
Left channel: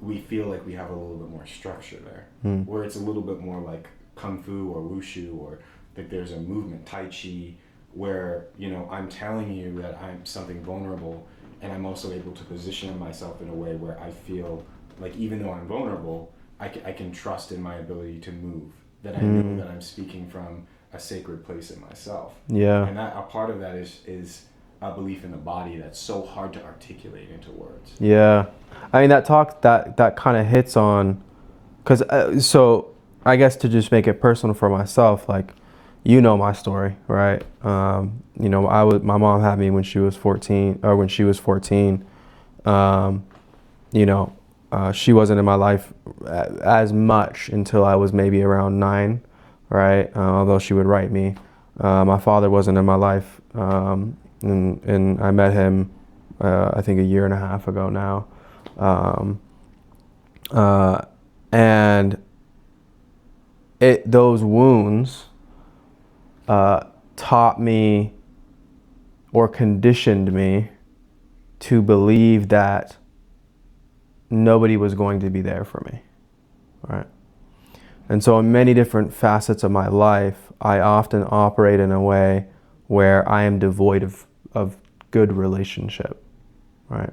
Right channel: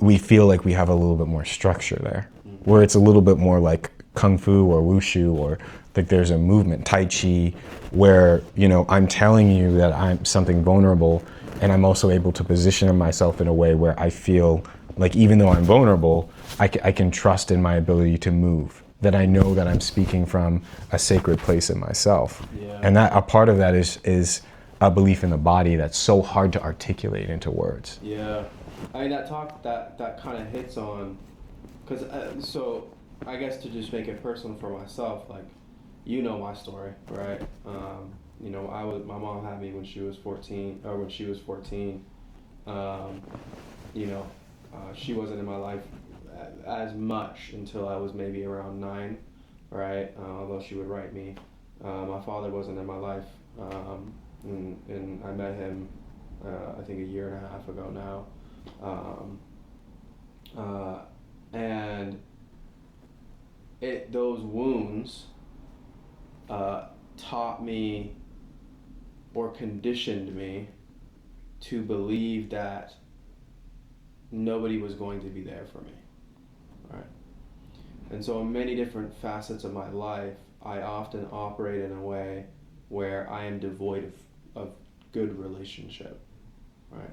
we feel like we have a little bit more structure there, where it's a little bit more like Kung Fu or Wushu, or like there's a movement, Tai Chi, where, I'm telling you that I'm something vulnerable, and I'm also able to position myself in a way where I feel like even though I'm vulnerable, I can trust in my ability to move, that I know that I'm speaking from a sacred place in myself. Yeah. And that a part of that is a belief in the body that's so hard to articulate into words. Yeah. I mean, that kind of hits on, because so I guess to just make it personal for myself, like, my story, right? My mom had me when she was 14, or when she was 14. She wasn't in my life as much until I was maybe around 9, right? Although she would write me. My father wasn't in my life, and I met him, I think, a year and a half ago now. And those wounds taught me or conditioned me to believe that nobody was going to be there for me, right? And so in many different facets of my life, I often operate in a way where I am devoid of good relationship, right?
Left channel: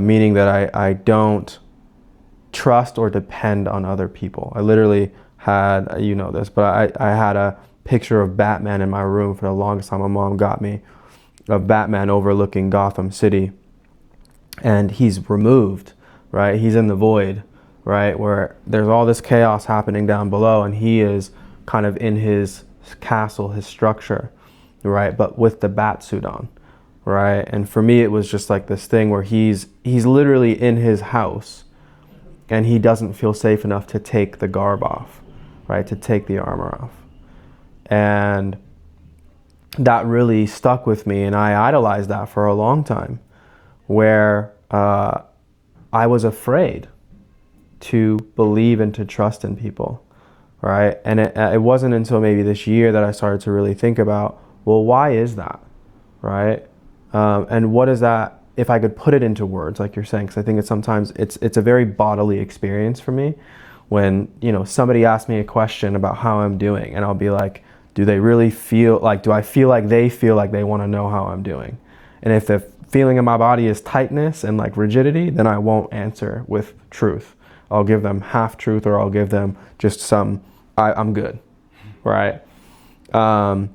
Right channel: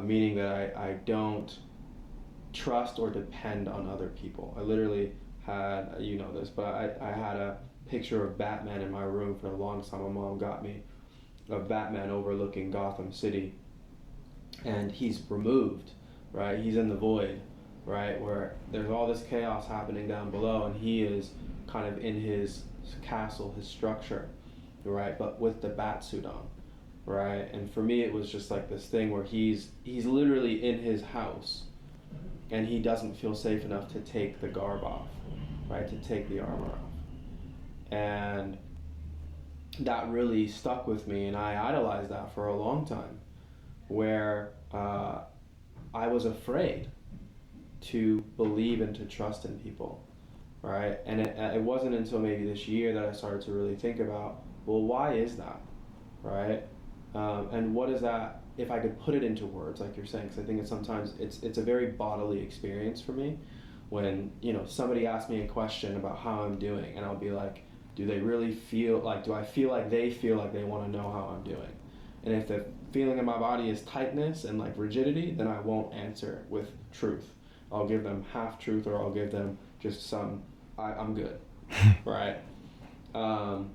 Meaning that I don't trust or depend on other people. I literally had, this, but I had a picture of Batman in my room for the longest time. My mom got me, of Batman overlooking Gotham City. And he's removed, right? He's in the void, right? Where there's all this chaos happening down below, and he is kind of in his castle, his structure, right? But with the bat suit on, right? And for me, it was just like this thing where he's literally in his house, and he doesn't feel safe enough to take the garb off, right? To take the armor off. And that really stuck with me, and I idolized that for a long time, where I was afraid to believe and to trust in people, right? And it wasn't until maybe this year that I started to really think about, well, why is that, right? And what is that, if I could put it into words, like you're saying, because I think sometimes it's a very bodily experience for me when, somebody asks me a question about how I'm doing, and I'll be like, do I feel like they want to know how I'm doing? And if the feeling in my body is tightness and like rigidity, then I won't answer with truth. I'll give them half truth, or I'll give them just I'm good, right? But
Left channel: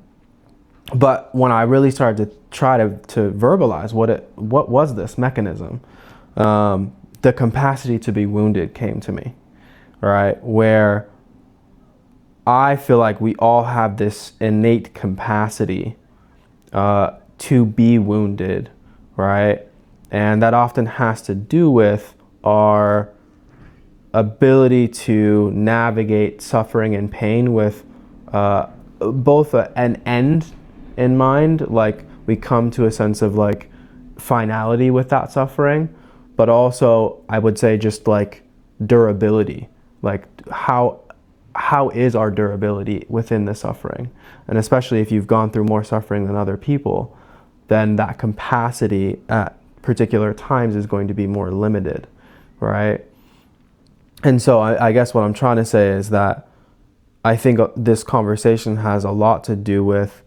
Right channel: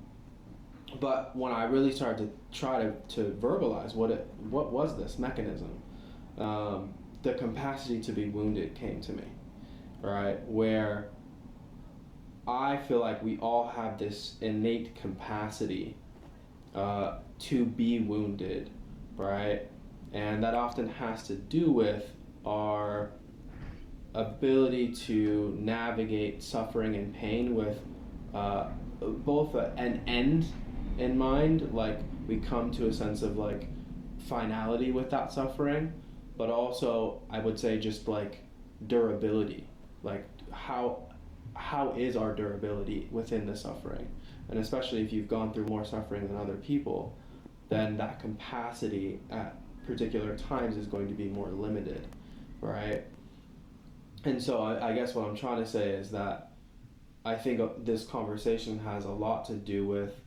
when I really started to try to verbalize what was this mechanism, the capacity to be wounded came to me, right? Where I feel like we all have this innate capacity to be wounded, right? And that often has to do with our ability to navigate suffering and pain with both an end in mind. Like, we come to a sense of like, finality with that suffering, but also I would say just like durability, like how is our durability within the suffering? And especially if you've gone through more suffering than other people, then that capacity at particular times is going to be more limited, right? And so I guess what I'm trying to say is that I think this conversation has a lot to do with,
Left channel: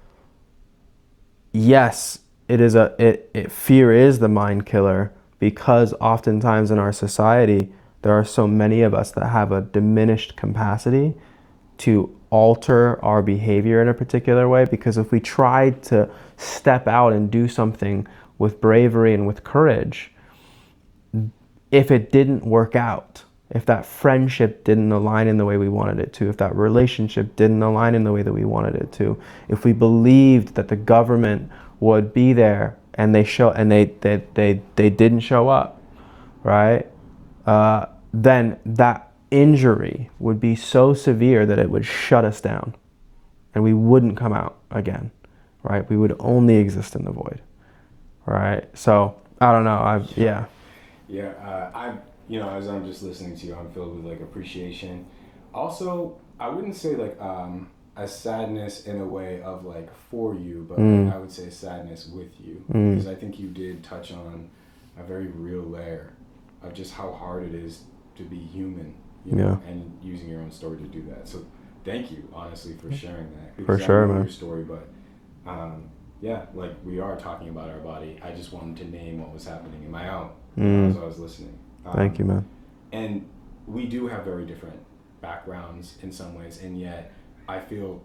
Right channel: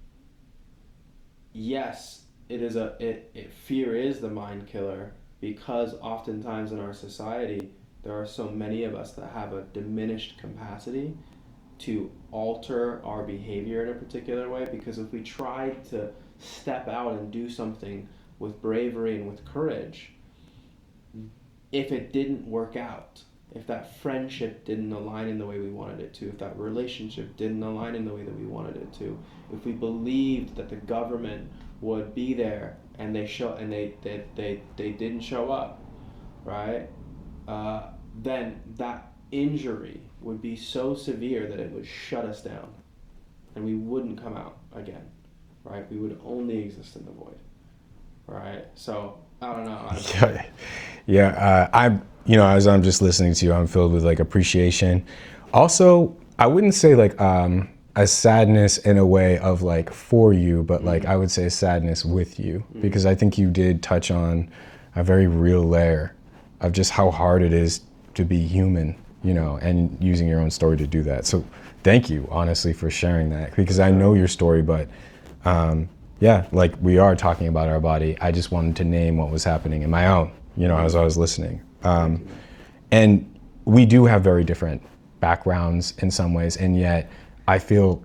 yes, fear is the mind killer, because oftentimes in our society, there are so many of us that have a diminished capacity to alter our behavior in a particular way. Because if we tried to step out and do something with bravery and with courage, if it didn't work out, if that friendship didn't align in the way we wanted it to, if that relationship didn't align in the way that we wanted it to, if we believed that the government would be there and they didn't show up, right? Then that injury would be so severe that it would shut us down and we wouldn't come out again, right? We would only exist in the void, right? So I don't know. As I'm just listening to you, I'm filled with like appreciation. Also, I wouldn't say like a sadness in a way of like for you, but like I would say a sadness with you, because I think you did touch on a very real layer of just how hard it is to be human, and using your own story to do that. So thank you, honestly, for sharing that, because I know your story, but like we are talking about our body. I just wanted to name what was happening in my own, as I was listening. Thank you, man. And we do have very different backgrounds in some ways, and yet I feel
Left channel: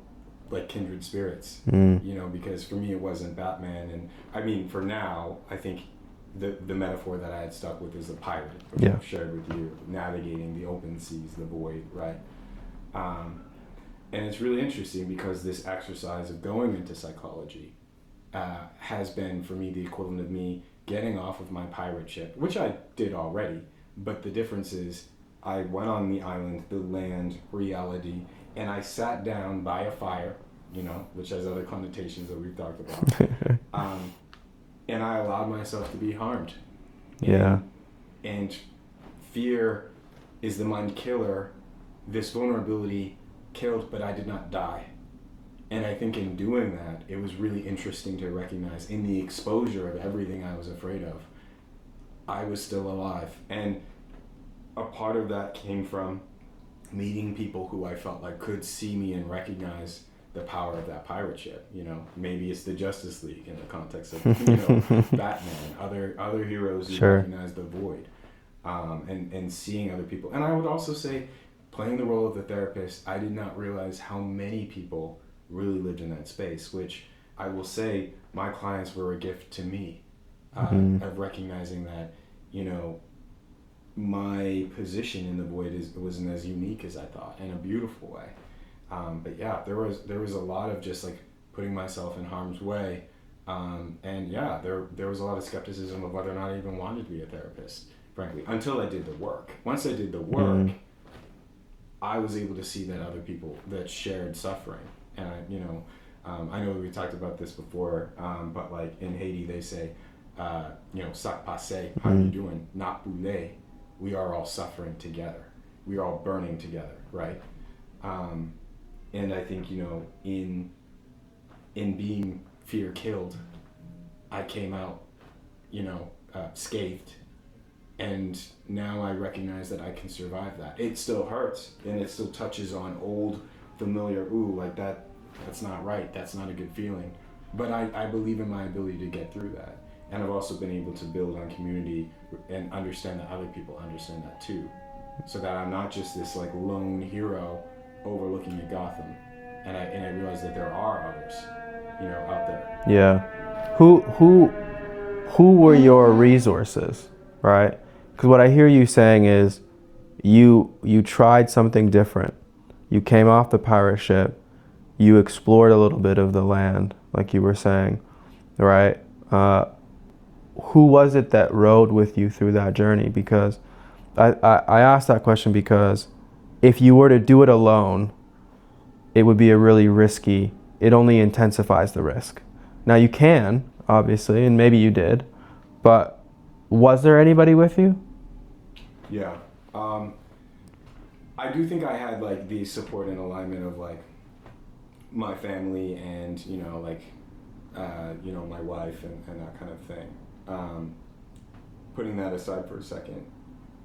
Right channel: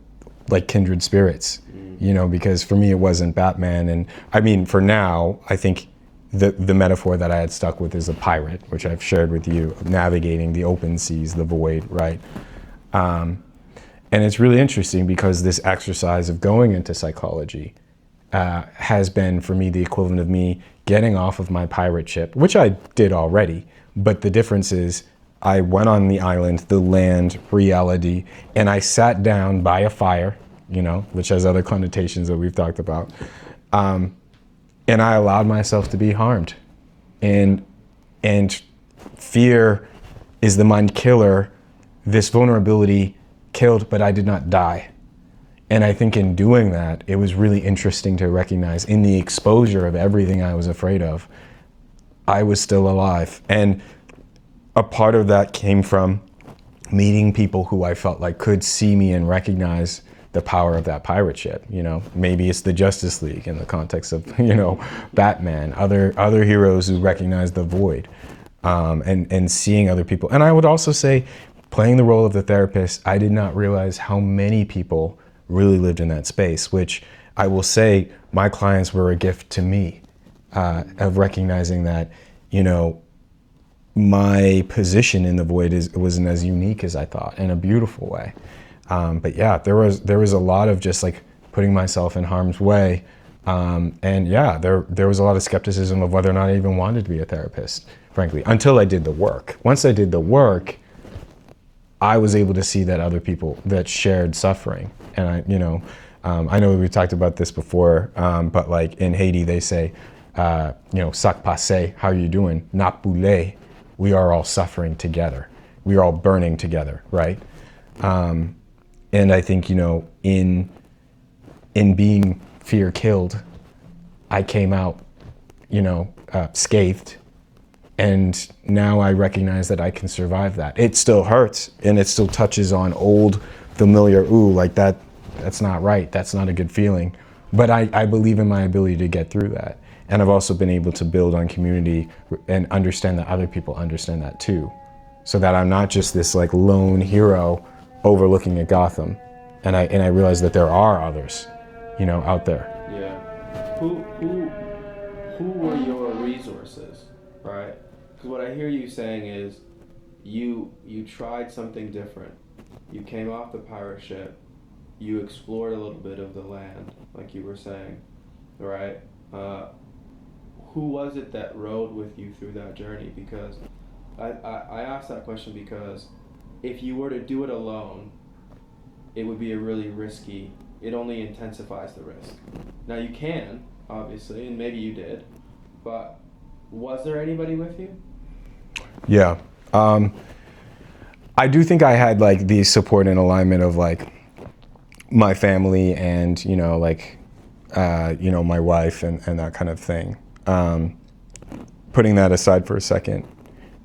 like kindred spirits, because for me it wasn't Batman. And I mean, for now, I think the metaphor that I had stuck with is a pirate, which I've shared with you, navigating the open seas, the void, right? And it's really interesting because this exercise of going into psychology has been for me the equivalent of me getting off of my pirate ship, which I did already, but the difference is I went on the island, the land, reality, and I sat down by a fire, which has other connotations that we've talked about, and I allowed myself to be harmed. And fear is the mind killer. This vulnerability killed, but I did not die. And I think in doing that, it was really interesting to recognize in the exposure of everything I was afraid of, I was still alive. And a part of that came from meeting people who I felt like could see me and recognize the power of that pirate ship. Maybe it's the Justice League in the context of, Batman, other heroes who recognize the void, and seeing other people. And I would also say, playing the role of the therapist, I did not realize how many people really lived in that space, which I will say my clients were a gift to me, of recognizing that, my position in the void wasn't as unique as I thought, in a beautiful way. But yeah, there was a lot of just like putting myself in harm's way. There was a lot of skepticism of whether or not I even wanted to be a therapist, frankly, until I did the work. Once I did the work, I was able to see that other people that shared suffering. And I know we talked about this before, but like in Haiti, they say, "Sac passe, how are you doing? Napule, we are all suffering together. We are all burning together," right? And I think, in being fear killed, I came out, scathed. And now I recognize that I can survive that. It still hurts, and it still touches on old familiar, that's not right. That's not a good feeling. But I believe in my ability to get through that. And I've also been able to build on community and understand that other people understand that too. So that I'm not just this like lone hero overlooking at Gotham. And I realize that there are others, out there. Yeah. Who were your resources, right? Because what I hear you saying is you tried something different. You came off the pirate ship. You explored a little bit of the land, like you were saying, right? Who was it that rode with you through that journey? Because I asked that question because if you were to do it alone, it would be a really risky, it only intensifies the risk. Now you can, obviously, and maybe you did, But was there anybody with you? Yeah. I do think I had like the support and alignment of like my family and, my wife and that kind of thing. Putting that aside for a second,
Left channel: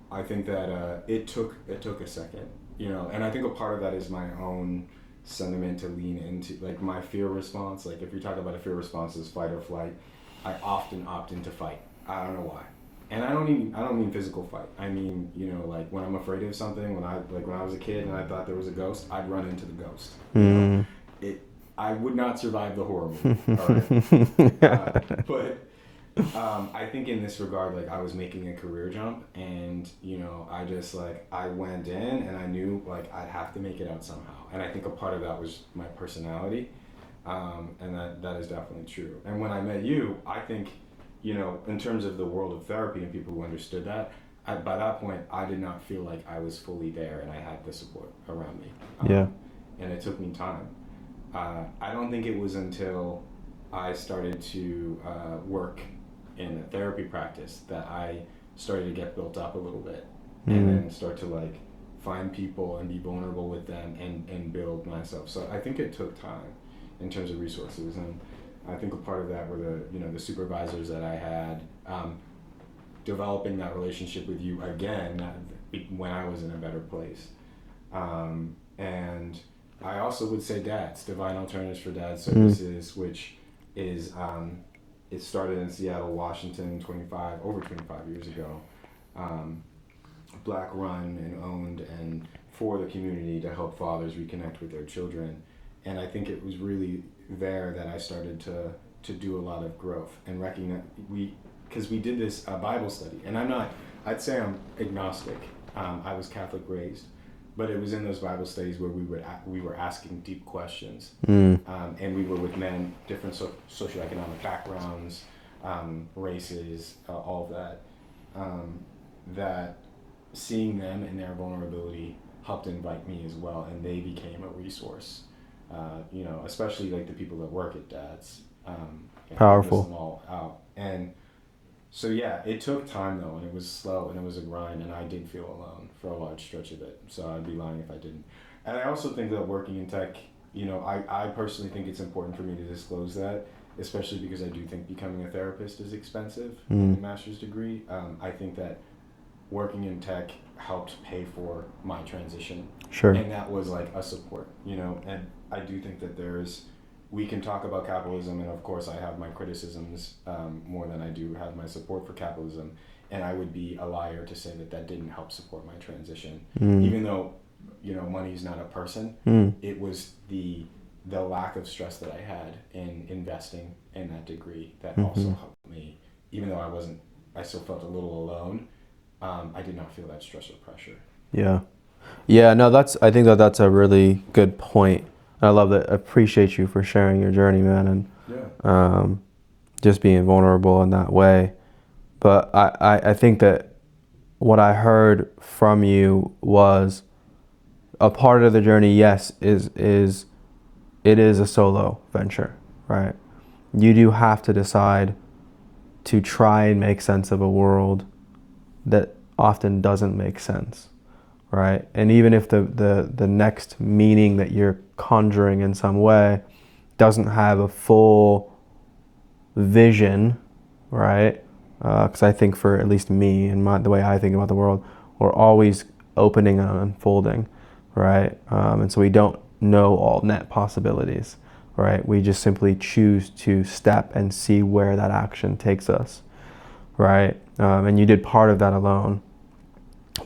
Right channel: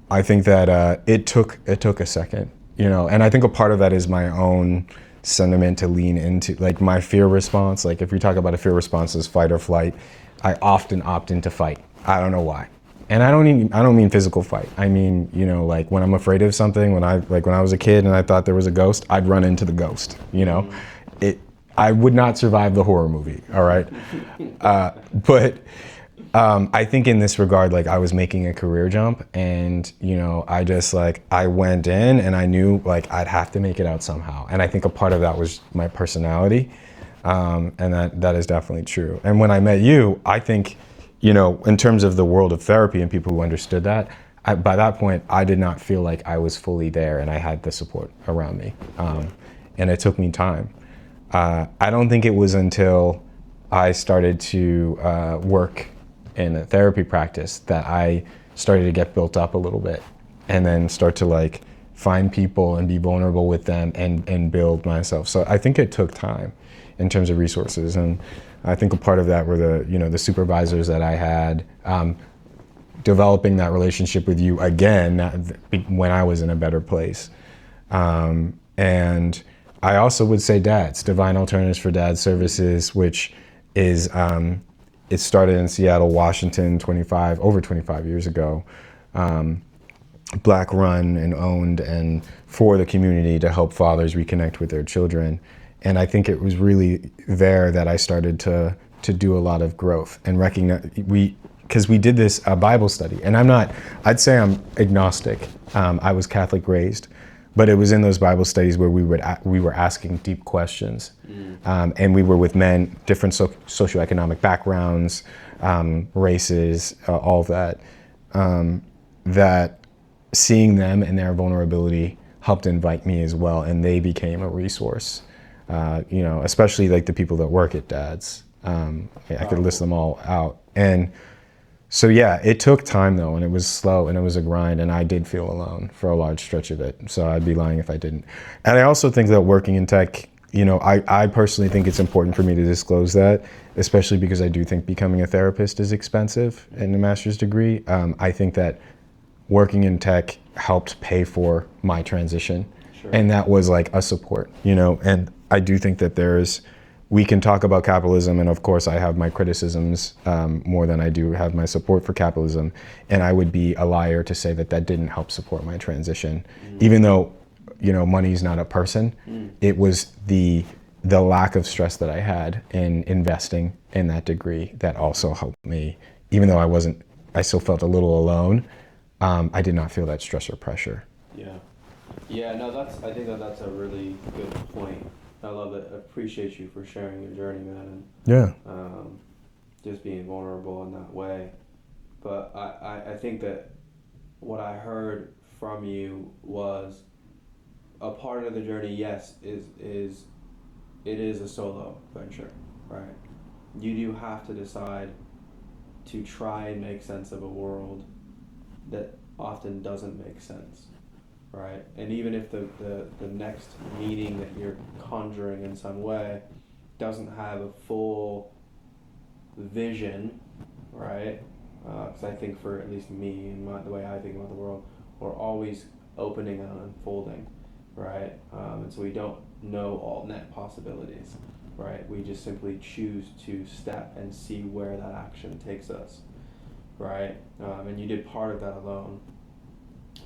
I think that it took a second, and I think a part of that is my own sentiment to lean into, like my fear response. Like if we talk about a fear response as fight or flight, I often opt into fight. I don't know why. And I don't mean physical fight. I mean, like when I'm afraid of something, when I was a kid and I thought there was a ghost, I'd run into the ghost, I would not survive the horror movie. All right. But I think in this regard, like I was making a career jump and, I went in and I knew like I'd have to make it out somehow. And I think a part of that was my personality. And that is definitely true. And when I met you, I think, in terms of the world of therapy and people who understood that, by that point, I did not feel like I was fully there and I had the support around me. And it took me time. I don't think it was until I started to work in a therapy practice that I started to get built up a little bit and then start to like find people and be vulnerable with them and build myself. So I think it took time in terms of resources. And I think a part of that were the supervisors that I had, developing that relationship with you again when I was in a better place. And I also would say DADS, Divine Alternatives for Dads Services, which is, it started in Seattle, Washington, over 25 years ago. Black run and owned and for the community to help fathers reconnect with their children. And I think it was really there that I started to do a lot of growth and recognize because we did this Bible study. And I'd say I'm agnostic. I was Catholic raised, but it was in those Bible studies where we were asking deep questions. And we were with men, different socioeconomic backgrounds, races, all of that, that seeing them and their vulnerability helped invite me as well. And they became a resource, especially like the people that work at DADS. I could list them all out. And so, yeah, it took time though, and it was slow and it was a grind, and I did feel alone for a large stretch of it. So I'd be lying if I didn't. And I also think that working in tech, I personally think it's important for me to disclose that, especially because I do think becoming a therapist is expensive in a master's degree. I think that working in tech helped pay for my transition. Sure. And that was like a support, and I do think that we can talk about capitalism, and of course I have my criticisms more than I do have my support for capitalism, and I would be a liar to say that didn't help support my transition. Even though, money's not a person, it was the lack of stress that I had in investing in that degree that also helped me. Even though I still felt a little alone, I did not feel that stress or pressure. Yeah, no, I think that's a really good point. I love that. I appreciate you for sharing your journey, man, and just being vulnerable in that way. But I think that what I heard from you was a part of the journey, yes, it is a solo venture, right? You do have to decide to try and make sense of a world that often doesn't make sense. Right, and even if the next meaning that you're conjuring in some way doesn't have a full vision, right? Because I think for at least me and the way I think about the world, we're always opening and unfolding, right? And so we don't know all net possibilities, right? We just simply choose to step and see where that action takes us, right? And you did part of that alone.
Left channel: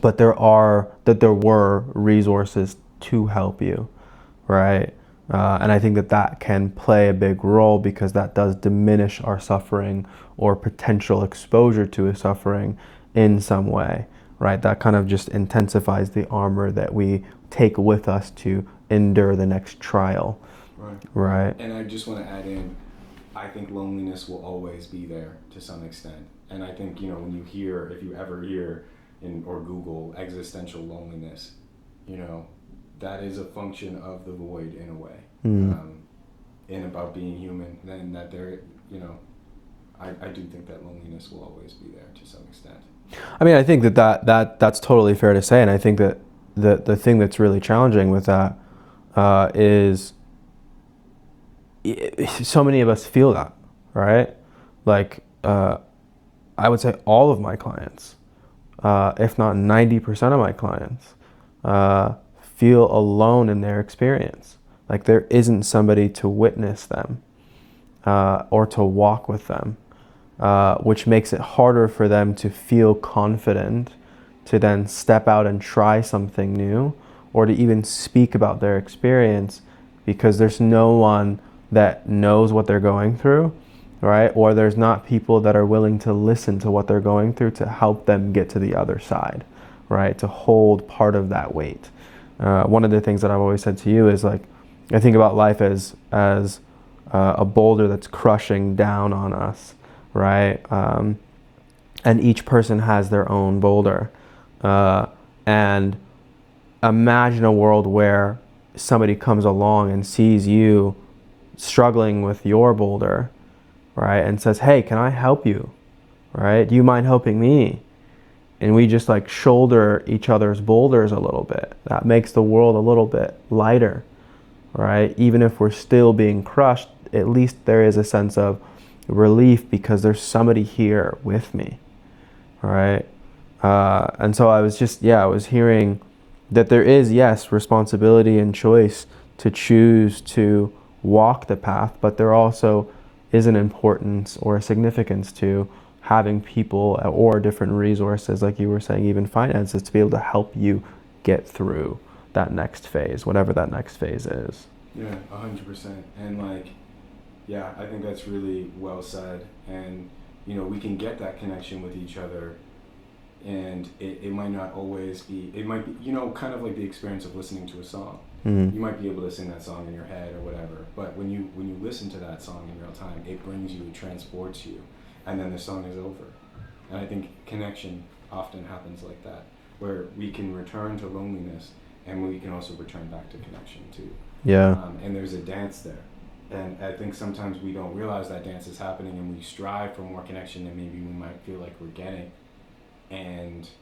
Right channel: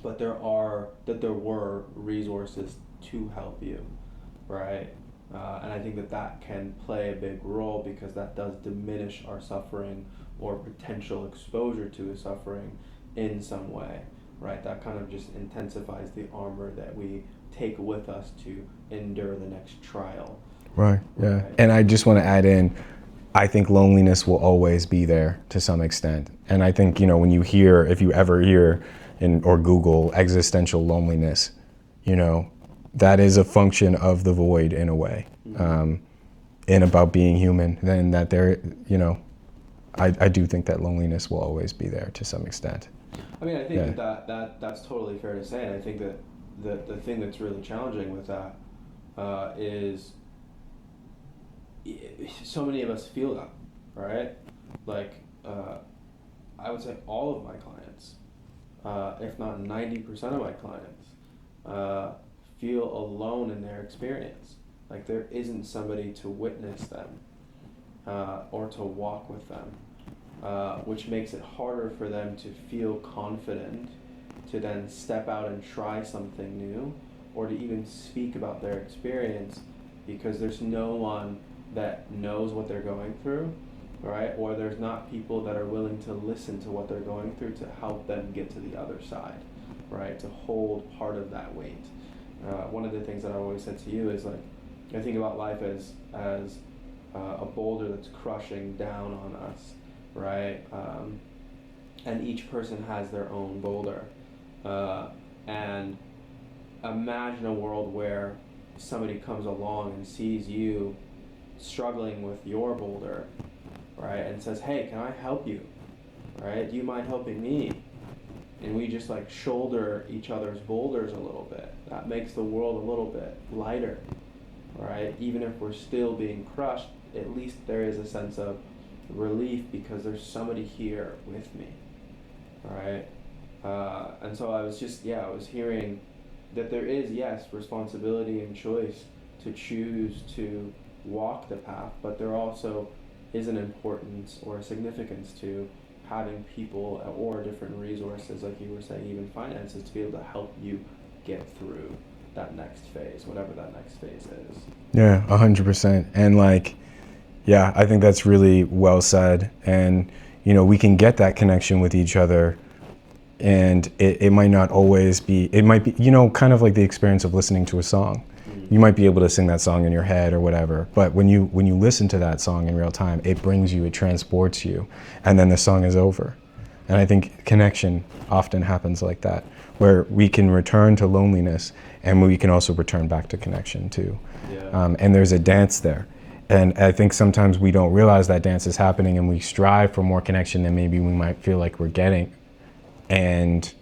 But there were resources to help you, right? And I think that can play a big role because that does diminish our suffering or potential exposure to a suffering in some way, right? That kind of just intensifies the armor that we take with us to endure the next trial. Right. And I just want to add in, I think loneliness will always be there to some extent. And I think, when if you ever hear or Google existential loneliness, that is a function of the void in a way, and about being human. Then that I do think that loneliness will always be there to some extent. I mean, I think that's totally fair to say, and I think that the thing that's really challenging with that is so many of us feel that, right? Like, I would say all of my clients, if not 90% of my clients, feel alone in their experience. Like there isn't somebody to witness them or to walk with them, which makes it harder for them to feel confident to then step out and try something new or to even speak about their experience, because there's no one that knows what they're going through, right? Or there's not people that are willing to listen to what they're going through to help them get to the other side, right? To hold part of that weight. One of the things that I've always said to you is like, I think about life as a boulder that's crushing down on us, right? And each person has their own boulder. And imagine a world where somebody comes along and sees you struggling with your boulder, right? And says, hey, can I help you? Right? Do you mind helping me? And we just like shoulder each other's boulders a little bit. That makes the world a little bit lighter, right? Even if we're still being crushed, at least there is a sense of relief because there's somebody here with me, right? And so I was hearing that there is, yes, responsibility and choice to choose to walk the path, but there also is an importance or a significance to having people or different resources, like you were saying, even finances, to be able to help you get through that next phase, whatever that next phase is. Yeah, 100%. And like, yeah, I think that's really well said. And, you know, we can get that connection with each other, and it might not always be, it might be, you know, kind of like the experience of listening to a song. You might be able to sing that song in your head or whatever, but when you listen to that song in real time, it brings you, it transports you, and then the song is over. And I think connection often happens like that, where we can return to loneliness and we can also return back to connection too. Yeah. And there's a dance there. And I think sometimes we don't realize that dance is happening, and we strive for more connection than maybe we might feel like we're getting. And,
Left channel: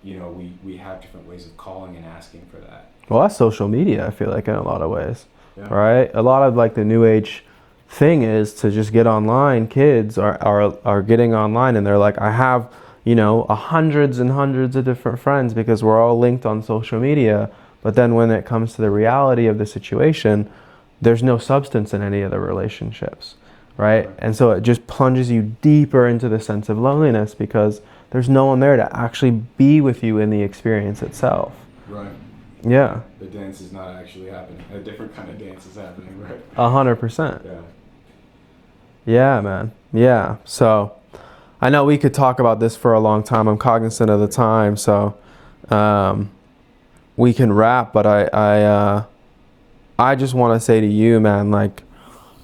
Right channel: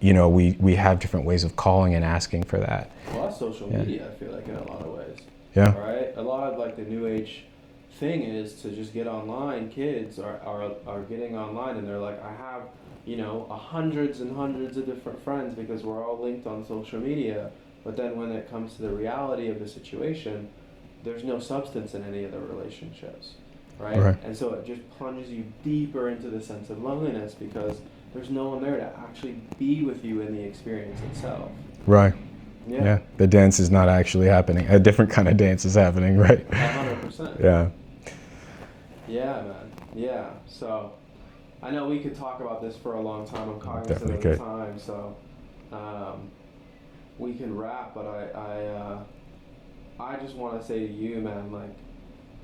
you know, we have different ways of calling and asking for that. Well, that's social media, I feel like, in a lot of ways. Yeah. Right? A lot of like the new age thing is to just get online. Kids are getting online and they're like, I have, you know, hundreds and hundreds of different friends because we're all linked on social media. But then when it comes to the reality of the situation, there's no substance in any of the relationships, right? And so it just plunges you deeper into the sense of loneliness because there's no one there to actually be with you in the experience itself. Right. Yeah. The dance is not actually happening. A different kind of dance is happening, right? 100%. Yeah. Yeah, man. Yeah. So I know we could talk about this for a long time. I'm cognizant of the time, so we can wrap, but I just want to say to you, man, like,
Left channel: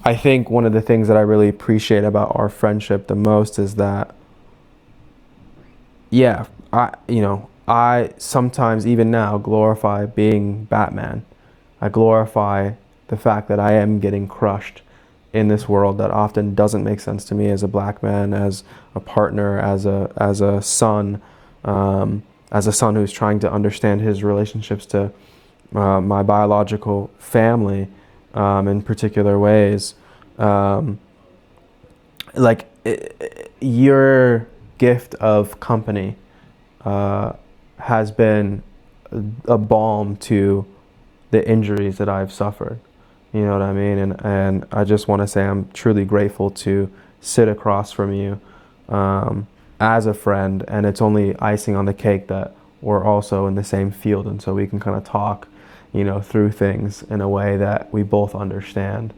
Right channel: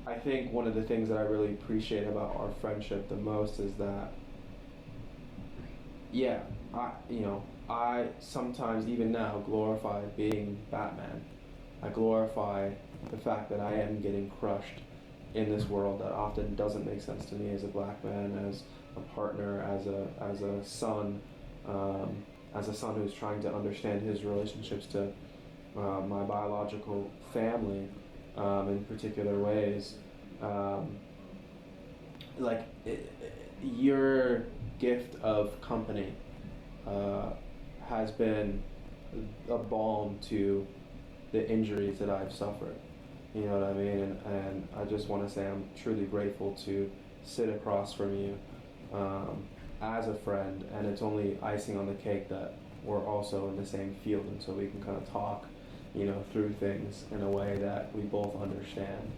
I think one of the things that I really appreciate about our friendship the most is that, yeah, I sometimes, even now, glorify being Batman. I glorify the fact that I am getting crushed in this world that often doesn't make sense to me as a black man, as a partner, as a son who's trying to understand his relationships to my biological family in particular ways. Your gift of company has been a balm to the injuries that I've suffered. You know what I mean? And I just want to say I'm truly grateful to sit across from you as a friend, and it's only icing on the cake that we're also in the same field, and so we can kind of talk, you know, through things in a way that we both understand.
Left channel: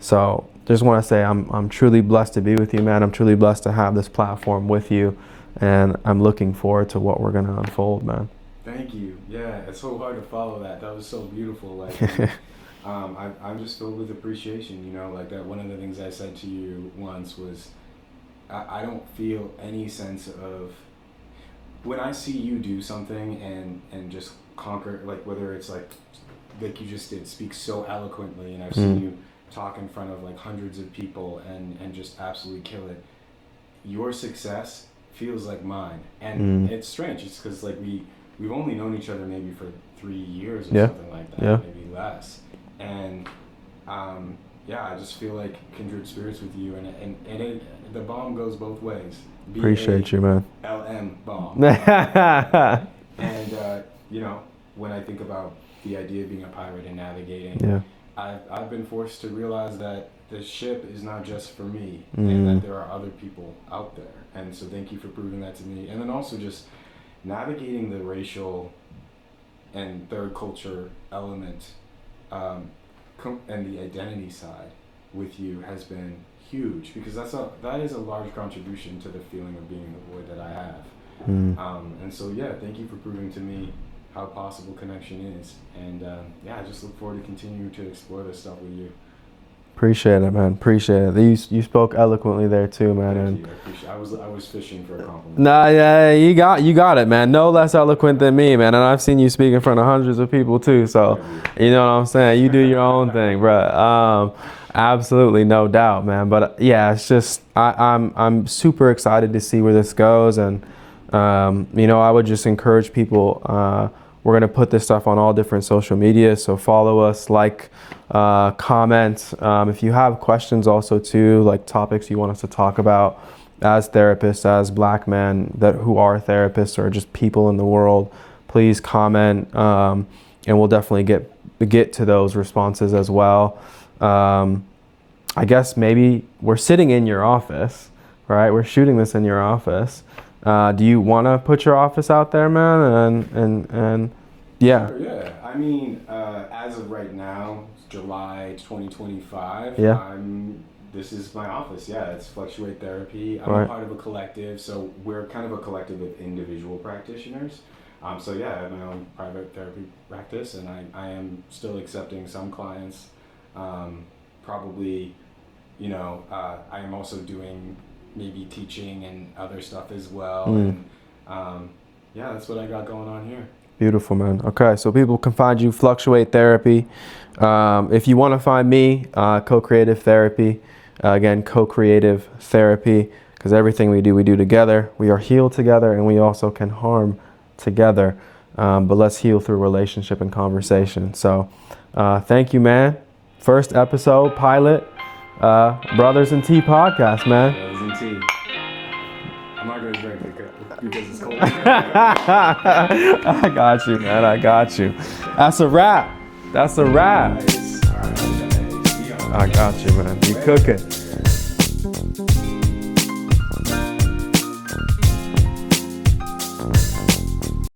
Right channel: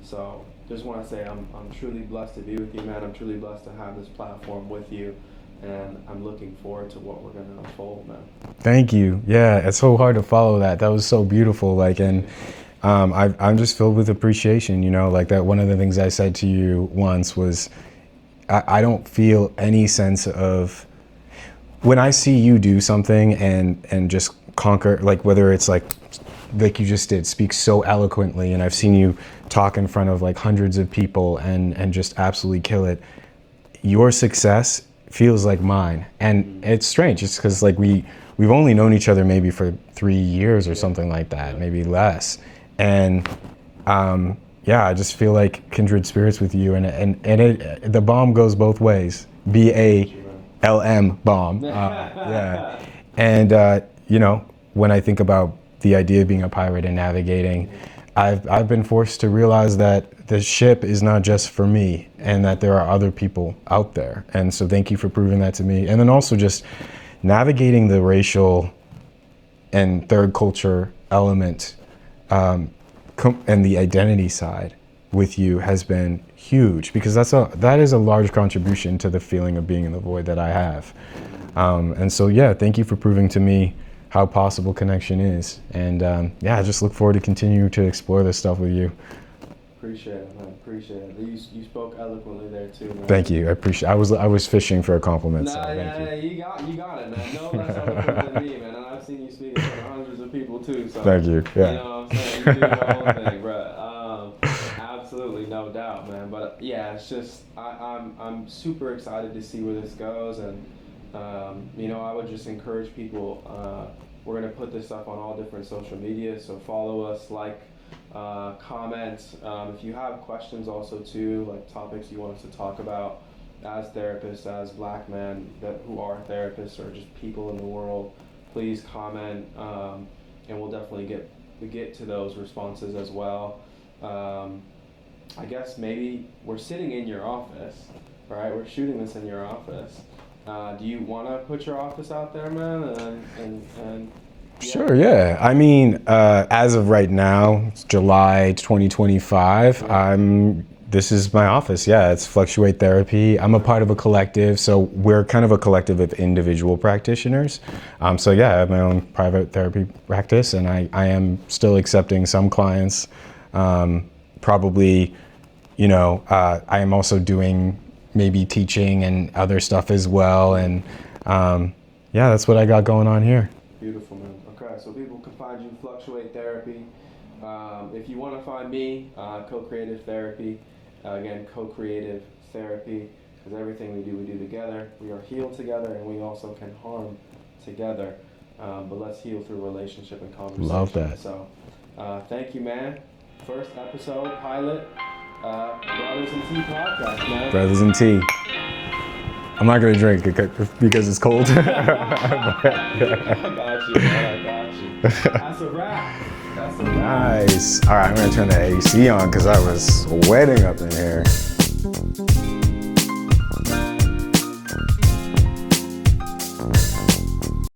So just want to say I'm truly blessed to be with you, man. I'm truly blessed to have this platform with you, and I'm looking forward to what we're going to unfold, man. Thank you. Yeah, it's so hard to follow that. That was so beautiful. Like, and I'm just filled with appreciation, you know, like that. One of the things I said to you once was, I don't feel any sense of, when I see you do something and just conquer, like whether it's like you just did, speak so eloquently, and I've seen you talk in front of like hundreds of people and just absolutely kill it. your success feels like mine. And it's strange. It's because like we've only known each other maybe for 3 years or something like that, maybe less. And I just feel like kindred spirits with you, and the bomb goes both ways. BALM bomb. And when I think about the idea of being a pirate and navigating, I've been forced to realize that the ship is not just for me, and that there are other people out there. And so thank you for proving that to me. And then also just navigating the racial and third culture element and the identity side with you has been huge, because that is a large contribution to the feeling of being in the void that I have. And so thank you for proving to me how possible connection is. And I just look forward to continue to explore this stuff with you. Appreciate it, man. Appreciate it. You spoke eloquently there too, man. Thank you. I appreciate. I was fishing for a compliment. Nah, you got it, man. No less eloquent than me, man. And I've seen you speak in front of hundreds of people too. So thank you. You know what I'm saying. You do your own thing, bro. Absolutely, no doubt, man. But it's just I'm super excited to see where this goes, and I would just encourage people. We're gonna put this stuff on all different social media, so follow us, comment. If you have questions also too, like topics you want us to talk about as therapists, as Black men who are therapists, or just people in the world, please comment, and we'll definitely get to those responses as well. I guess maybe we're sitting in your office, right? We're shooting this in your office. Do you want to put your office out there, man? And Sure, yeah. I mean, as of right now, it's July 2025. This is my office. Yeah, it's Fluctuate Therapy. I'm a part of a collective, so we're kind of a collective of individual practitioners. I have my own private therapy practice, and I am still accepting some clients. Probably, I am also doing maybe teaching and other stuff as well. And that's what I got going on here. Beautiful, man. Okay, so people can find you Fluctuate Therapy. If you want to find me, Co-Creative Therapy. Again, Co-Creative Therapy, because everything we do together. We are healed together, and we also can harm together. But let's heal through relationship and conversation. So thank you, man. First episode, pilot, Brothers in Tea podcast, man. Brothers in Tea. I'm not going to drink because it's cold. I got you, man. I got you. That's a wrap. Nice. All right, I'm going to turn the AC on because I was sweating up in here.